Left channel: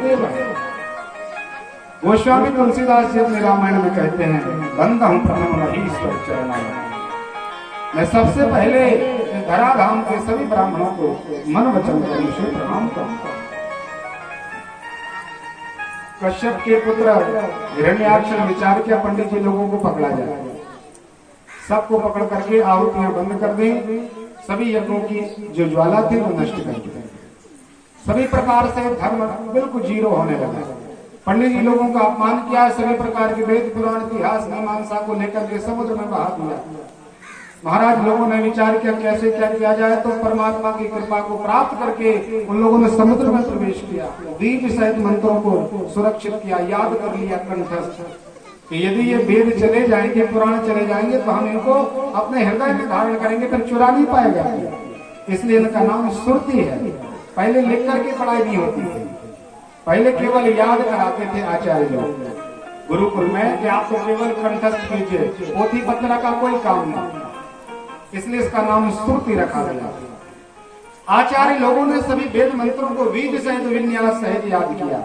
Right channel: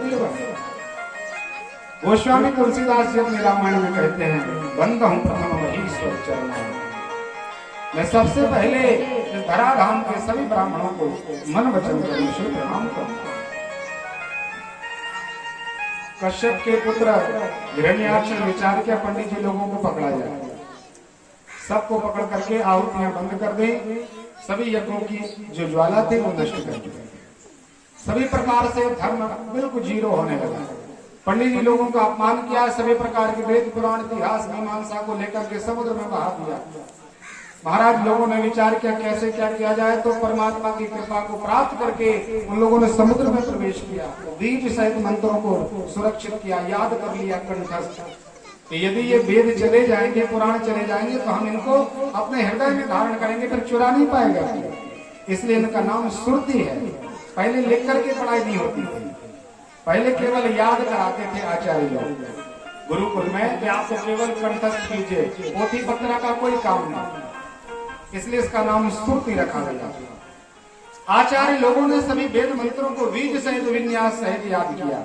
गुरुदेव है। गोस्वामी तुलसीदास जी अपने रामायण में कहते हैं, बंद हूं प्रथम ईश्वर चरणाय। मैं सबसे पहले धराधाम के सभी ब्राह्मणों को मन वचन कर्म से प्रणाम करता हूं। कश्यप के पुत्र हिरण्याक्ष विचार किया, पंडित जी लोगों को पकड़ा जाए, सबको पकड़ करके आहुतियां बंद कर दें, सभी यज्ञों की जो ज्वाला थी वो नष्ट कर दें। सभी प्रकार से धर्म बिल्कुल जीरो होने लगा। पंडित जी लोगों का अपमान किया, सभी प्रकार के वेद पुराण इतिहास मीमांसा को लेकर के समुद्र में बहा दिया। महाराज लोगों ने विचार किया कैसे क्या किया जाए, तो परमात्मा की कृपा को प्राप्त करके उन लोगों ने समुद्र में प्रवेश किया, बीज सहित मंत्रों को सुरक्षित किया, याद कर लिया कंठस्थ। यदि ये वेद चले जाएंगे, पुराण चले जाएंगे, तो हम इनको अपने हृदय में धारण करेंगे, फिर चुरा नहीं पाएगा। इसलिए इनका नाम सुरती है। पहले लिख करके पढ़ाई नहीं होती थी, पहले केवल याद कराते थे आचार्य लोग गुरुकुल में कि आपको केवल कंठस्थ कीजिए, पोथी पत्र का कोई काम नहीं, इसलिए इसका नाम सुरती रखा गया। आचार्य लोगों ने सभी वेद मंत्रों को बीज सहित विन्यास सहित याद किया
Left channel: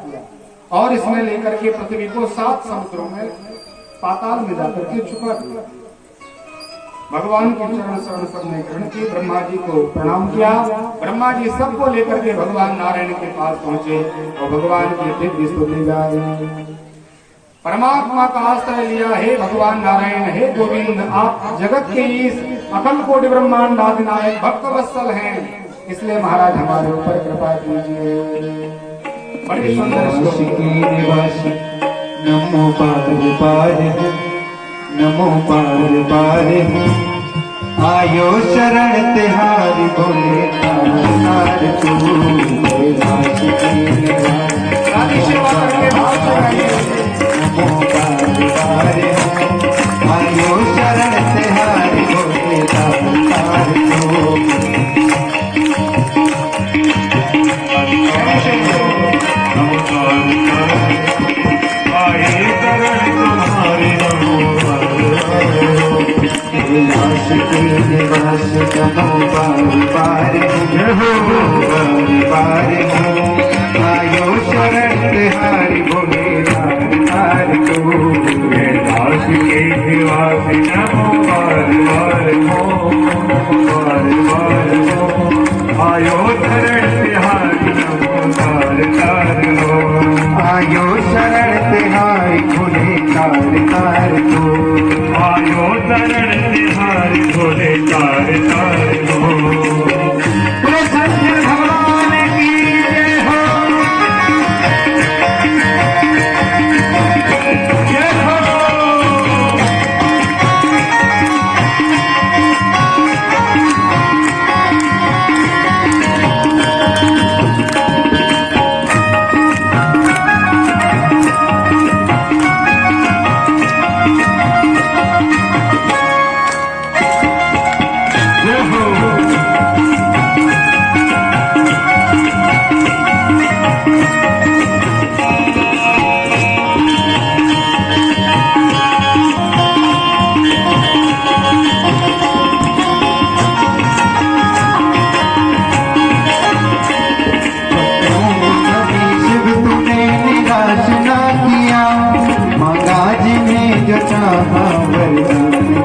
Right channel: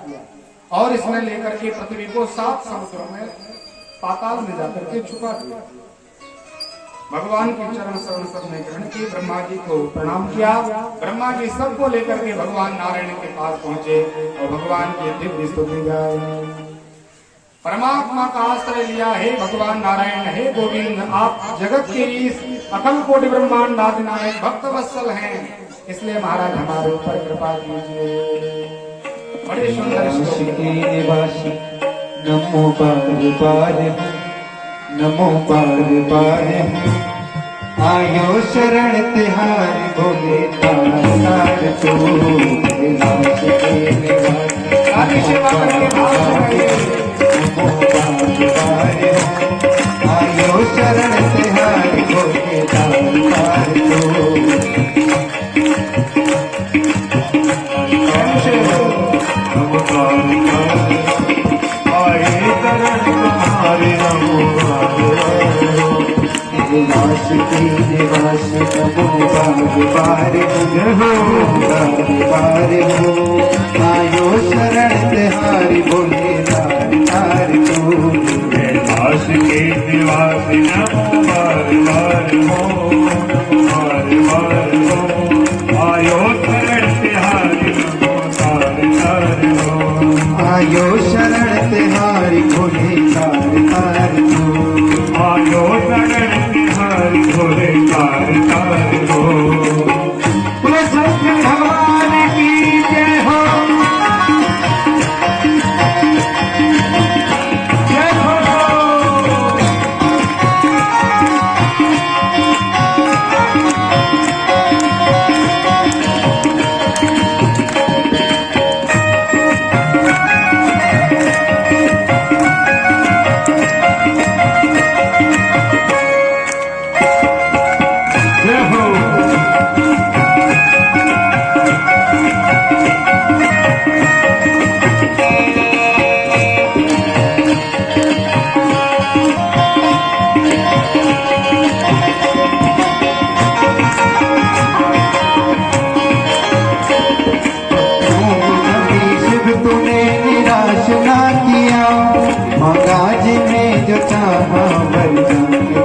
और इसमें लेकर के पृथ्वी को 7 समुद्रों में पाताल में जाकर के छुपा दिया। भगवान के चरण शरण सबने ग्रहण की, ब्रह्मा जी को प्रणाम किया। ब्रह्मा जी सबको लेकर के भगवान नारायण के पास पहुंचे और भगवान के दिव्य स्तुति गाए। परमात्मा का आश्रय लिया, हे भगवान नारायण, हे गोविंद, आप जगत के इस अकल कोटि ब्रह्मांड नारायण भक्त वत्सल हैं, इसलिए महाराज हमारे ऊपर कृपा कीजिए। बड़े सुंदर निवासी नमो पार नमो पार आयो शरण तिहारी भोले तार तो कैलाश के निवासी आयो शरण तिहारी भोले तार कैलाश के निवासी नमो पार हो आयो शरण तिहारी भोले तार तो कैलाश के निवासी नमो पार हो आयो शरण तिहारी नमो तार हो आयो शरण तिहारी भोले तार तो आयो शरण तिहारी भोले तार हो। सत्य भगवान की जय हो, जय हो।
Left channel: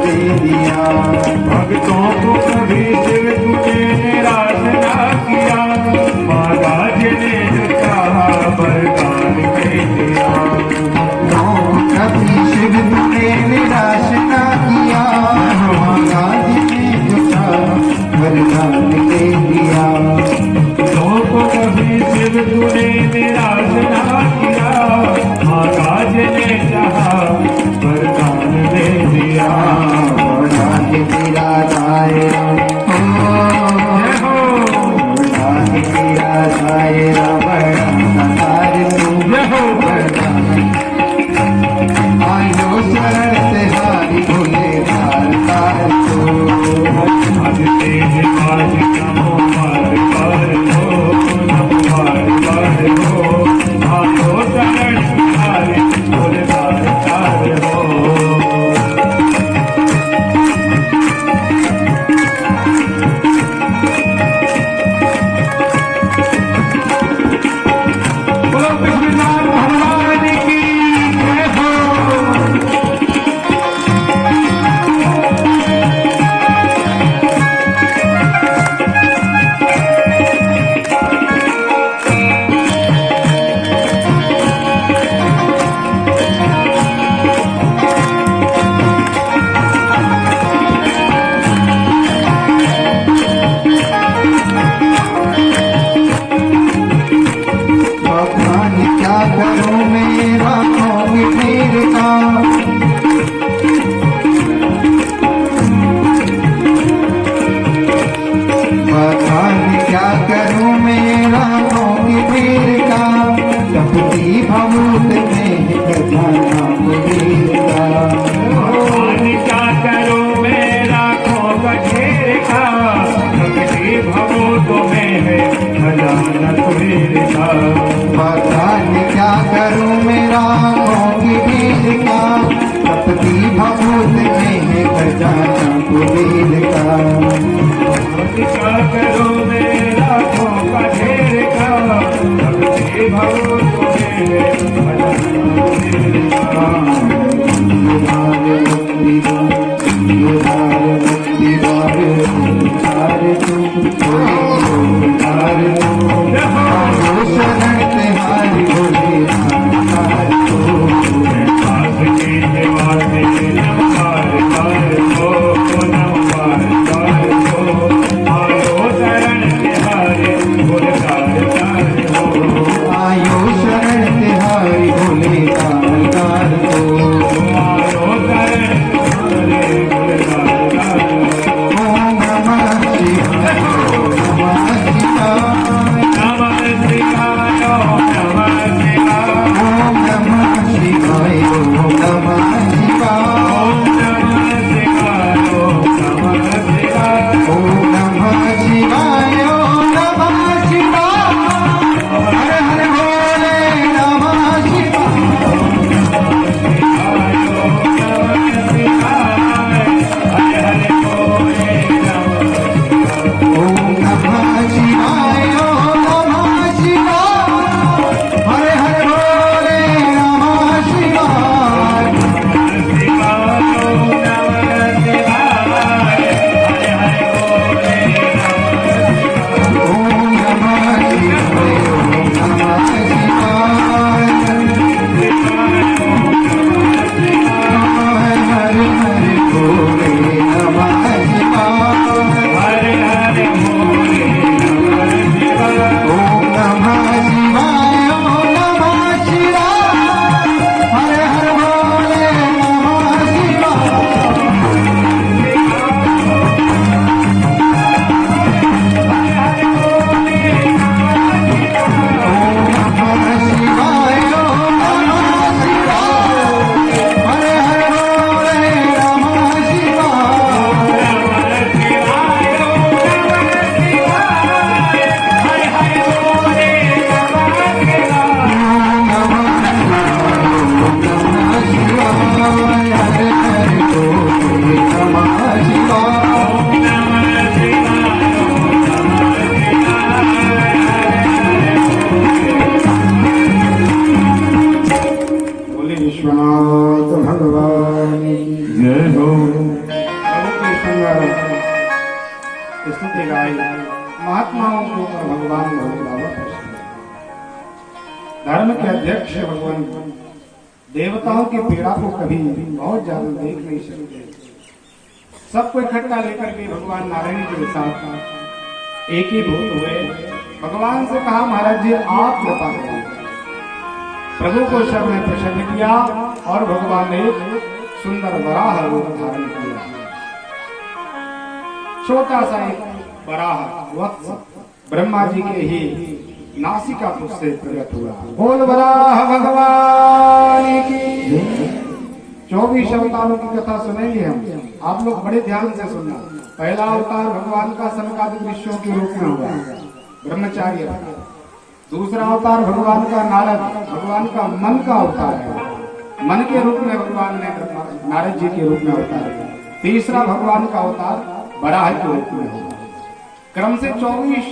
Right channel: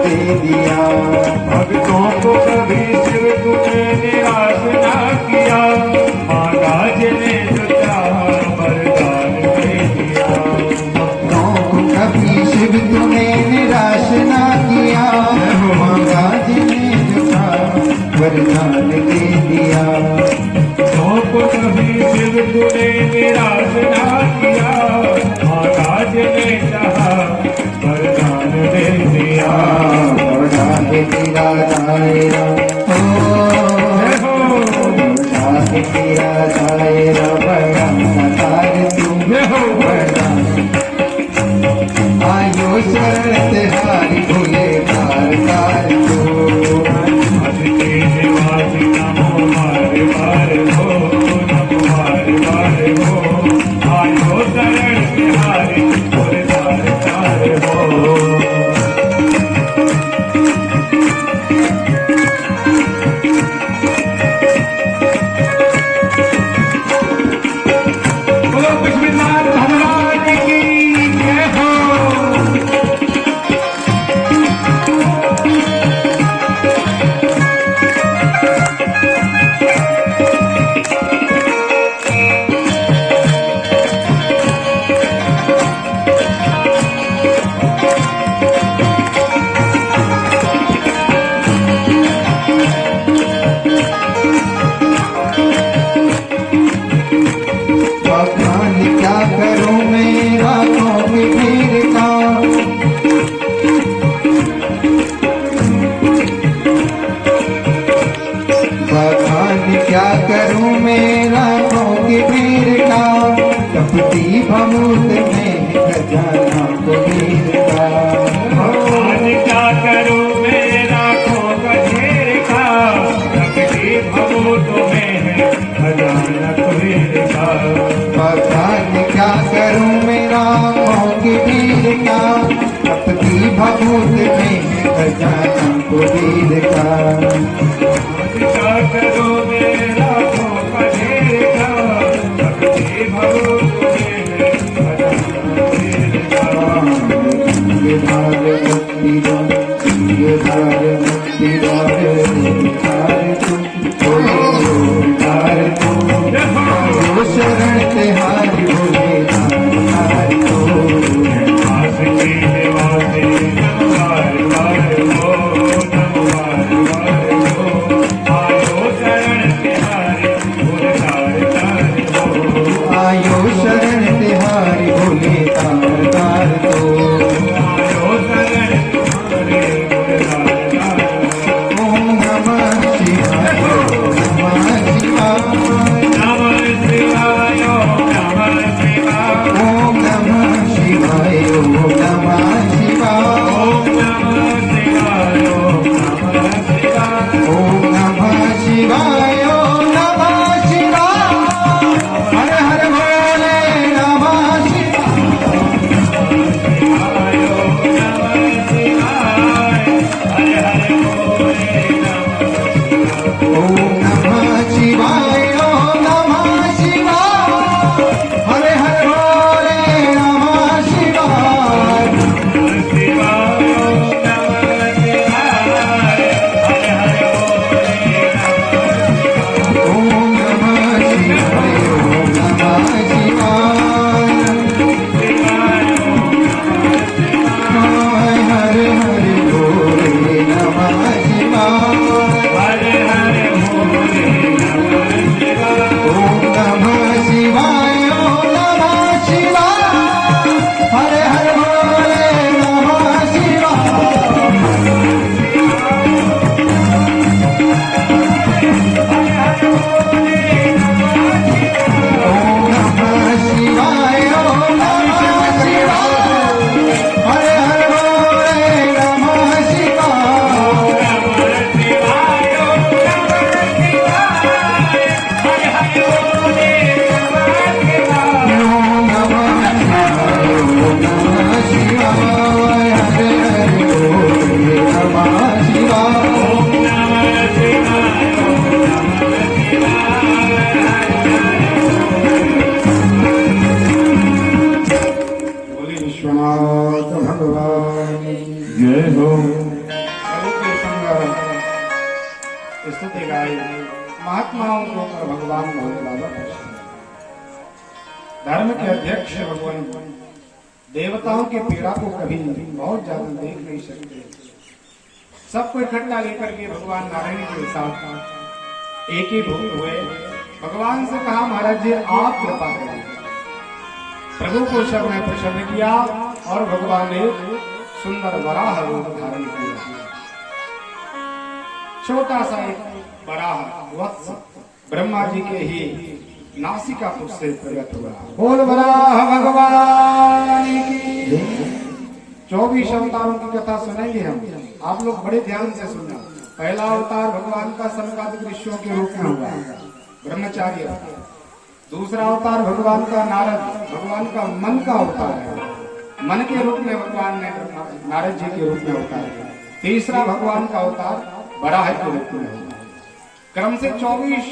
दे दिया भक्तों को कभी शिव तूने निराश ना किया, महाराज ने जो चाहा वरदान दे दिया। कभी शिव तूने निराश ना किया, महाराज ने जो चाहा वरदान दे दिया। को कभी शिव तूने निराश ना किया, महाराज ने चाहा वरदान दे दिया। तेरा दायरा तेरा दायरा बड़ा आयो शरण तिहारी भोले तार तार तो आज तेरे आयो शरण तिहारी भोले तार तार हो। तपती भमूत में खजाना कुबेर का। आज क्या करूं मैं राखों का ढेर का, तपती भमूत में है खजाना कुबेर का। भगवान क्या करूं मेरा की भीड़ का, तपती भमूत में है खजाना कुबेर का। क्या करूं मैं राखों का ढेर का, तपती भमूत में है खजाना कुबेर का। शरण तिहारी भोले आयो शरण तिहारी भोले कारगार को। ओम नमः शिवाय ओम नमः शिवाय ओम नमः शिवाय ओम नमः शिवाय ओम नमः शिवाय। हर हर भोले नमः शिवाय। ओम नमः शिवाय ओम नमः शिवाय। हर हर भोले नमः शिवाय। ओम नमः शिवाय ओम नमः शिवाय। हर हर भोले नमः शिवाय। ओम नमः शिवाय ओम नमः शिवाय। हर हर भोले नमः शिवाय। ओम नमः शिवाय ओम नमः शिवाय। हर हर भोले नमः शिवाय। ओम नमः शिवाय ओम नमः शिवाय। हर हर भोले नमः शिवाय। बोले विश्वनाथ भगवान की जय हो। प्रभु की सुंदर स्तुति गाई महात्माओं के ऊपर भगवान भोले बाबा प्रसन्न। धर्म के अध्यक्ष भगवान देवताओं की पीड़ा को कभी बहुत ज्यादा देख नहीं सकते। सबको इकट्ठा लेकर के भगवान नारायण के साथ एक ही भूत हुए। भगवान से कहा महाराज जी आप कृपा करिए। प्रभु को सबने प्रसन्न किया और भगवान ने सुंदर वराह रूप धारण किया। छोटा सा एक वराह वत्स ब्रह्मा जी के ही नासिका से प्रकट हुआ। बोल वराह भगवान की। 24 अवतारों की कथा सुनेंगे हम, आप लोग बड़े ध्यान से सुनना। पहला अवतार भगवान का सनकादिक ऋषियों के रूप में हुआ, ब्रह्मचार्य। दूसरा अवतार भगवान का नारद, भगवान का मन का अवतार है। मन के रूप में भगवान ने नारद जी के रूप में अवतार है। तीसरा भगवान का अवतार बराह के रूप में हुआ। क्रम से 24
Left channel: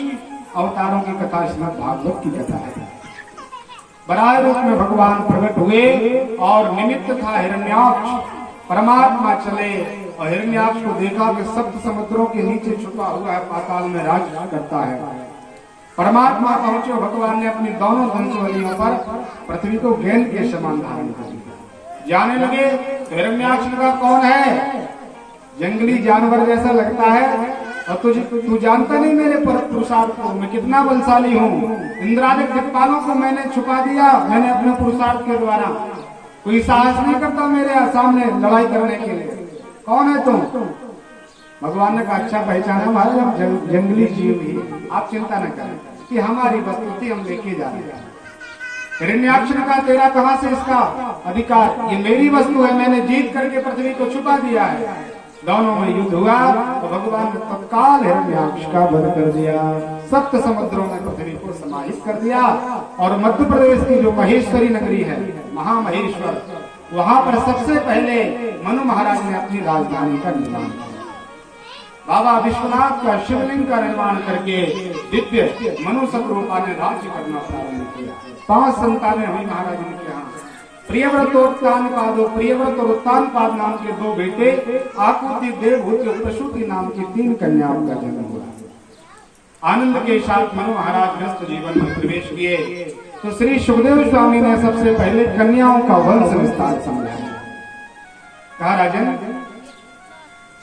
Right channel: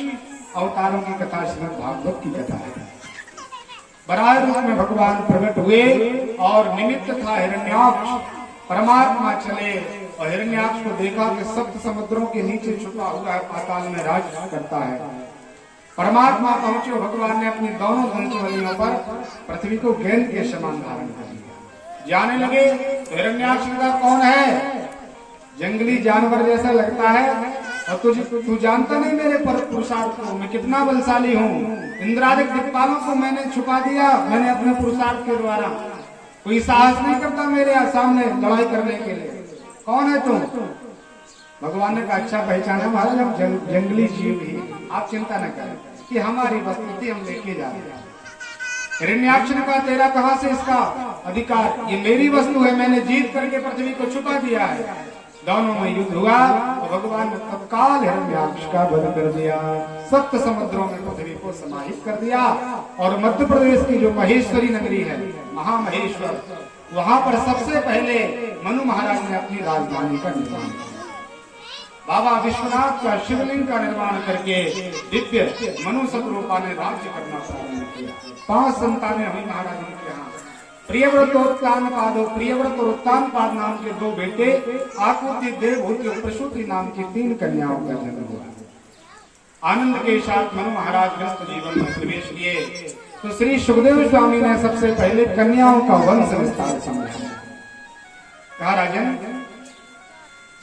अवतारों की कथा श्रीमद् भागवत की कथा है। बराह रूप में भगवान प्रकट हुए और निमित्त था हिरण्याक्ष। परमात्मा चले और हिरण्याक्ष को देखा कि सप्त समुद्रों के नीचे छुपा हुआ है, पाताल में राज करता है। परमात्मा पहुंचे, भगवान ने अपनी दोनों धनुषवलियों पर पृथ्वी को गेंद के समान धारण कर लिया। जाने लगे तो हिरण्याक्ष का कौन है? जंगली जानवर जैसा लगता है और तू जानता नहीं मेरे पुरुषार्थ को, मैं कितना बलशाली हूँ। इंद्रादिक दिक्पालों को मैंने छुपा दिया, मैंने अपने पुरुषार्थ के द्वारा। कोई साहस नहीं करता मेरे सामने लड़ाई करने के लिए। कौन है तुम? भगवान ने कहा अच्छा पहचाना महाराज, हम जंगली जीव ही, आप चिंता न करें कि हमारी वस्तुति हम लेके जा रहे हैं। हिरण्याक्ष ने कहा तेरा कहां से इसका अधिकार, ये मेरी वस्तु है, मैंने जीत करके पृथ्वी को छुपा दिया है। दोनों में युद्ध हुआ तो भगवान ने तत्काल हिरण्याक्ष का वध कर दिया, सप्त समुद्रों में पृथ्वी को समाहित कर दिया। और मध्य प्रदेश की जो महेश्वरी नगरी है, महामहेश्वर, वहां पर सबसे पहले मनु महाराज ने अपनी राजधानी का निर्माण किया। बाबा विश्वनाथ का शिवलिंग का निर्माण करके दिव्य मनु सतरूपा ने राज्य करना प्रारंभ किया। 5 संतानें हुई महाराज जी के यहाँ। प्रियव्रत और उत्तानपाद, प्रियव्रत और उत्तानपाद नाम के 2 बेटे, आकृति, देवभूति और प्रसूति नाम की 3 कन्याओं का जन्म हुआ। आनंद के साथ मनु महाराज गृहस्थ जीवन में प्रवेश किए तो श्री सुखदेव स्वामी ने सबसे पहले कन्याओं का वंश विस्तार समझाया। कहा राजन,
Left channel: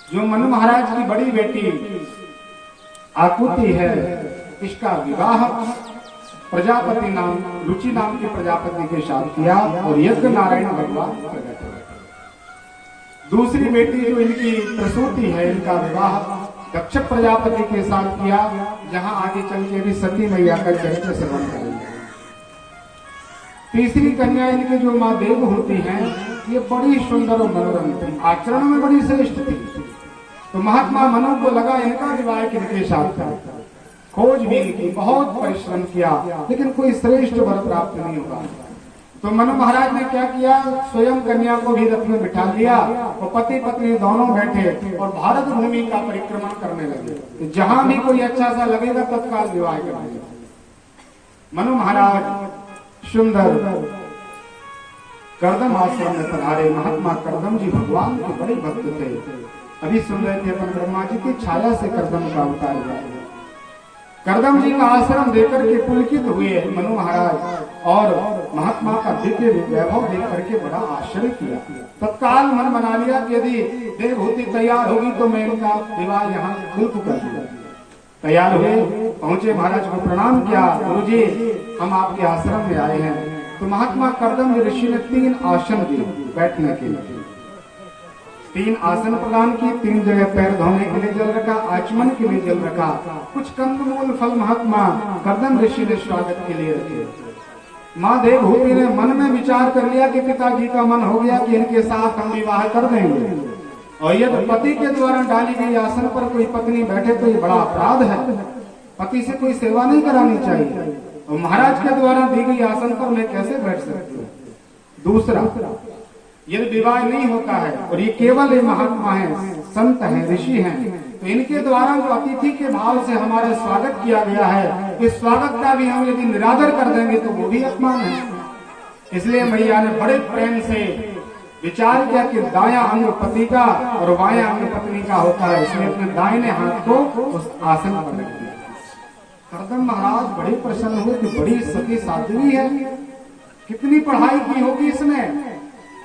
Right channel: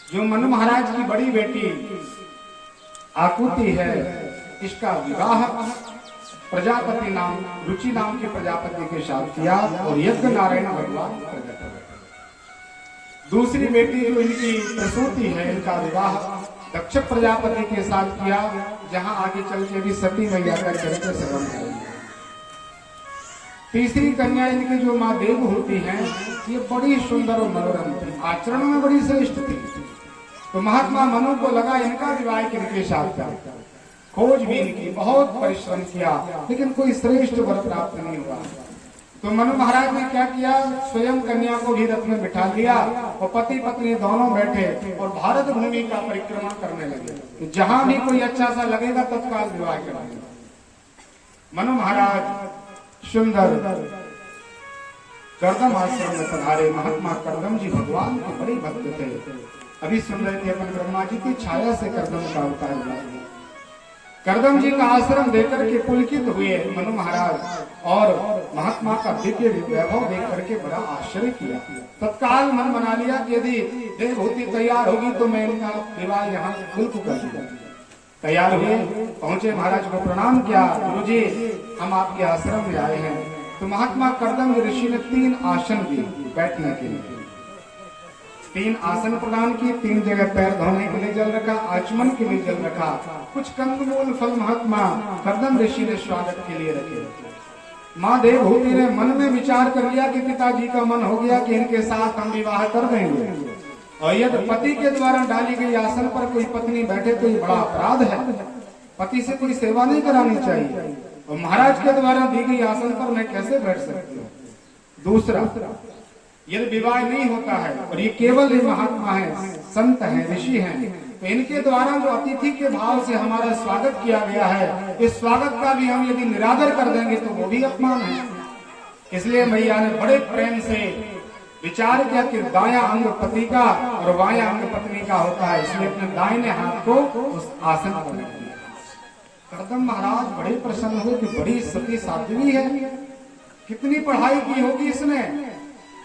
जो मनु महाराज की बड़ी बेटी आकुति है, इसका विवाह प्रजापति नाम, रुचि नाम के प्रजापति के साथ किया और यज्ञ नारायण भगवान प्रकट हुए। दूसरी बेटी जो इनकी प्रसूति है, इनका विवाह दक्ष प्रजापति के साथ किया, जहां आगे चल के भी सती मैया का चरित्र श्रवण करेंगे। तीसरी कन्या इनकी जो माँ देवहूति हैं, ये बड़ी सुंदर और मनोरम थी, आचरण में बड़ी श्रेष्ठ थी। तो महात्मा मनु को लगा इनका विवाह इनके साथ करें। खोजबीन की, बहुत परिश्रम किया, लेकिन कोई श्रेष्ठ वर प्राप्त नहीं हुआ। तो मनु महाराज ने क्या किया, स्वयं कन्या को भी रथ में बिठा लिया और पति पत्नी दोनों बैठे और भारत भूमि का परिक्रमण करने लगे। तो जहां भी कोई अच्छा सा लगेगा तत्काल विवाह करेंगे। मनु महाराज सुंदर कर्दम आश्रम में पधारे। महात्मा कर्दम जी भगवान के बड़े भक्त थे। अभी सुन रहे थे अपन, ब्रह्मा जी की छाया से कर्दम का अवतार हुआ। कर्दम जी का आश्रम देकर के पुलकित हुए मनु महाराज और महात्मा का दिव्य वैभव देख करके बड़ा आश्चर्य किया। तत्काल मन बना लिया कि यदि देवहूति तैयार होगी तो मैं इनका विवाह यहाँ खुद कर दूंगा। तैयार हुए, पहुंचे, महाराज को प्रणाम किया। गुरुजी, हम आपके आश्रम में आए हैं। तो महात्मा कर्दम ऋषि ने 3 आसन दिए बैठने के लिए। 3 आसन प्रदान की, 3 जगह पैर धोने के लिए जल रखा, आचमन के लिए जल रखा। कुछ कंदमूल फल महात्मा कर्दम ऋषि ने स्वागत के लिए रखे। माँ देवहूति ने मन में विचार कर लिया कि पिताजी का मन हो गया कि इनके साथ हम विवाह कर देंगे, और यदि पति के द्वारा डाली गई आसन पर कोई पत्नी बैठे तो ये बड़ा अपराध है। पति से कोई सेवा नहीं करानी चाहिए, और महाराज के द्वारा दी गई आसन पर मैं कैसे बैठ सकती हूँ। दूसरा, यदि विवाह नहीं होता है और ये केवल एक महात्मा है, संत है, ऋषि हैं, तो इनके द्वारा जो अतिथि के भाव से हमारा स्वागत किया गया है, इस स्वागत का भी हम यदि निरादर कर देंगे तो वो भी अपमान है। इसलिए मैया ने बड़े प्रेम से विचार किया कि दाया अंग पति का और बाया अंग पत्नी का होता है, इसलिए अपने दाहिने हाथ को उस आसन पर रख दिया। कर्दम महाराज बड़े प्रसन्न हुए कि बड़ी सती साध्वी है, कितनी पढ़ाई की होगी इसने,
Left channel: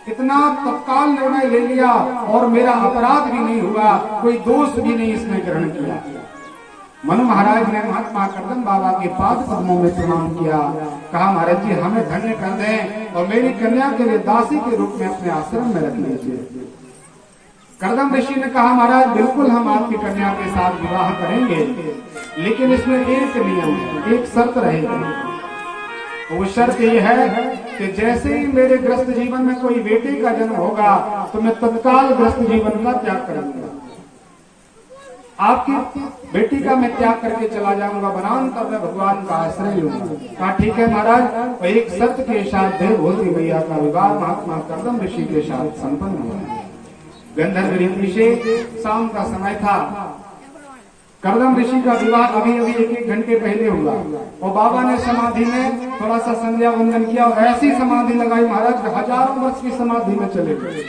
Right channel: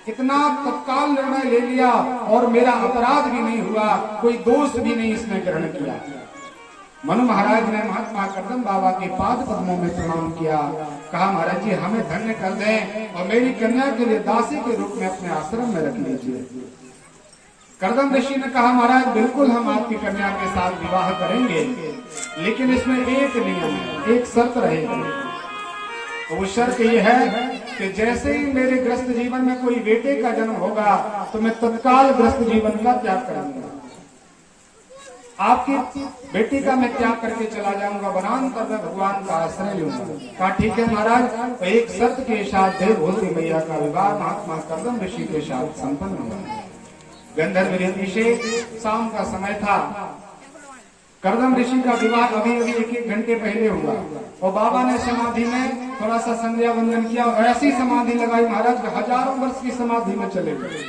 इतना तत्काल निर्णय ले लिया और मेरा अपराध भी नहीं हुआ, कोई दोष भी नहीं इसने ग्रहण किया। मनु महाराज ने महात्मा कर्दम बाबा के पाद पद्मों में प्रणाम किया। कहा, महाराज जी हमें धन्य कर दें और मेरी कन्या के लिए दासी के रूप में अपने आश्रम में रख लीजिए। कर्दम ऋषि ने कहा, महाराज बिल्कुल हम आपकी कन्या के साथ विवाह करेंगे, लेकिन इसमें एक नियम, एक शर्त रहेगी। वो शर्त ये है कि जैसे ही मेरे गृहस्थ जीवन में कोई बेटे का जन्म होगा तो मैं तत्काल गृहस्थ जीवन का त्याग करूंगा, आपकी बेटी का मैं त्याग करके चला जाऊंगा, वनांतर में भगवान का आश्रय लूंगा। कहा ठीक है महाराज। एक शर्त के साथ देवहूति मैया का विवाह महात्मा कर्दम ऋषि के साथ संपन्न हुआ। गंधर्व ऋषि से शाम का समय था। कर्दम ऋषि का विवाह अभी अभी 1 घंटे पहले हुआ और बाबा ने समाधि में थोड़ा सा संध्या वंदन किया और ऐसी समाधि लगाई महाराज, हजारों वर्ष की समाधि में चले गए।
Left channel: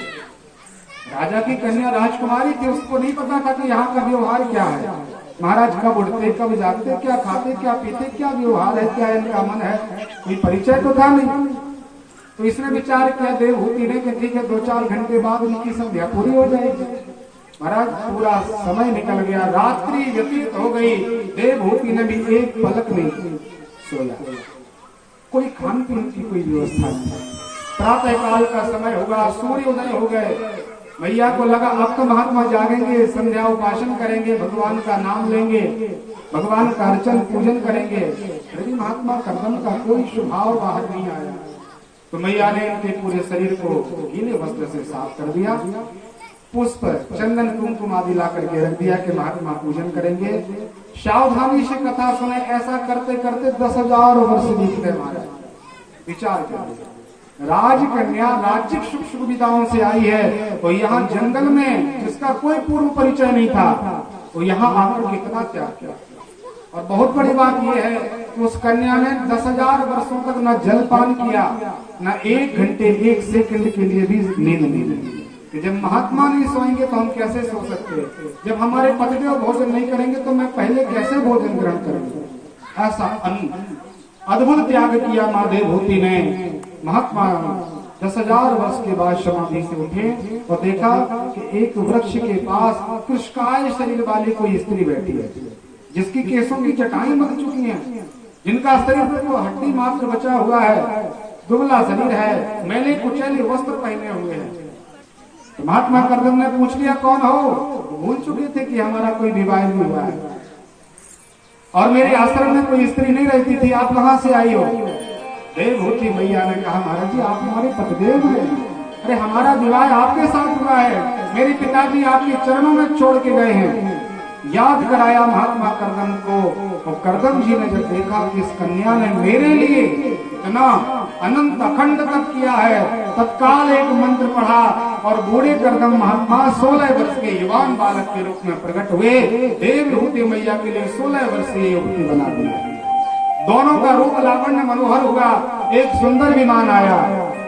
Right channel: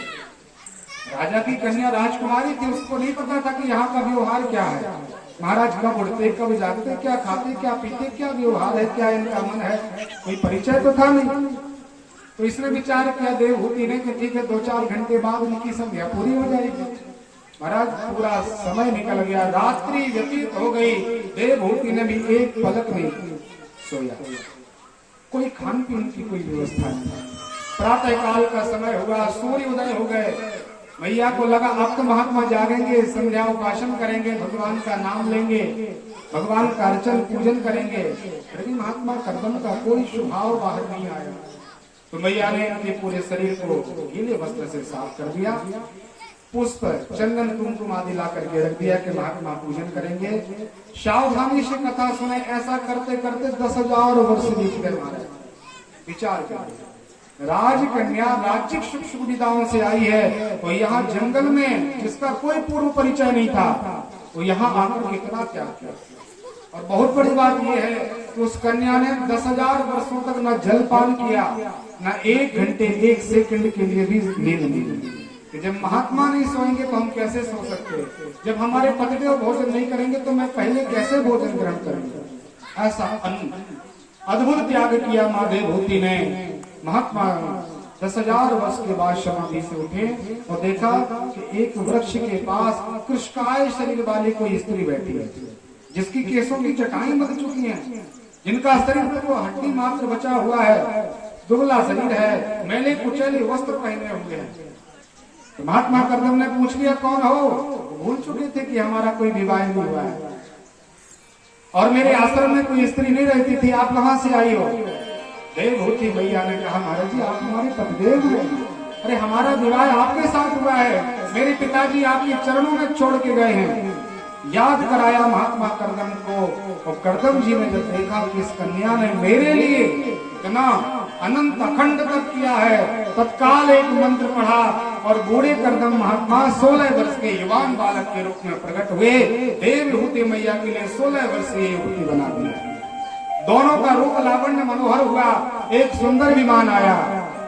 राजा की कन्या राजकुमारी थी, उसको नहीं पता था कि यहाँ का व्यवहार क्या है। महाराज कब उठते, कब जागते, क्या खाते, क्या पीते, क्या व्यवहार है, क्या इनका मन है, कोई परिचय तो था नहीं। तो इसने विचार किया देवहूति ने कि ठीक है 2-4 घंटे बाद उनकी संध्या पूरी हो जाएगी। महाराज पूरा समय निकल गया, रात्रि व्यतीत हो गई, देवहूति ने भी एक पलक नहीं सोया। कोई खान पीने की कोई व्यवस्था नहीं। प्रातः काल का समय होगा, सूर्य उदय हो गए। मैया को लगा अब तो महात्मा जागेंगे, संध्या उपासन करेंगे, भगवान का नाम लेंगे, भगवान का अर्चन पूजन करेंगे। लेकिन महात्मा कर्दम का कोई स्वभाव बाहर नहीं आया। तो मैया ने इनके पूरे शरीर को गीले वस्त्र से साफ कर दिया, पुष्प चंदन कुमकुम आदि ला करके रख दिया कि महात्मा पूजन करेंगे। सावधानी से कथा सुने। ऐसा करते करते 10,000 वर्ष बीत गए महाराज। विचार करिए, राजकन्या राज्यिक सुख सुविधाओं से आई है, तो यहाँ जंगल में जिसका कोई पूर्व परिचय नहीं था, वो यहाँ आकर कितना त्याग किया। और बहुत बड़ी बात यह है कि उस कन्या ने 10,000 वर्षों तक न जलपान किया, न 1 घंटे 1 सेकंड के लिए भी नींद नहीं ली। कि जब महात्मा नहीं सोएंगे तो हम कैसे सो सकते हैं? जब हमारे पतिदेव भोजन नहीं करेंगे तो मैं पहले कैसे भोजन ग्रहण करूंगा? ऐसा अद्भुत त्याग किया माँ देवभूति ने। महात्मा 10,000 वर्ष के बाद समाधि से उठे और देखा कि एक वृक्ष के पास कृष्णकाय शरीर वाली कोई स्त्री बैठी है, जिसकी केसों की चटाई मर चुकी हैं, जिनका शरीर पर तो हड्डी मात्र बचा हुआ है, दुबला शरीर है, मैले कुचैले वस्त्र पहने हुए हैं। तो महात्मा कर्दम ने पूछ लिया, कौन हो? भूल चुके थे कि हमारा कोई विवाह नहीं हुआ है और मेरे आश्रम में कोई स्त्री नहीं रहती थी, आप कहां से आई हो? देवभूति मैया ने कहा, महाराज जी आप हमारे पतिदेव हैं। अरे हमारा विवाह आपके साथ हुआ है, मेरे पिताजी आपके चरणों में छोड़ के गए हैं। याद कराया महात्मा कर्दम को। तो कर्दम जी ने जब देखा कि इस कन्या ने मेरे लिए इतना अनंत अखंड तप किया है, तत्काल एक मंत्र पढ़ा और बूढ़े कर्दम महात्मा 16 वर्ष के युवान बालक के रूप में प्रकट हुए। देवभूति मैया के लिए 16 वर्षीय युवती बना दी। दोनों का रूप लावण्य मनोहर हुआ। एक सुंदर विमान आया,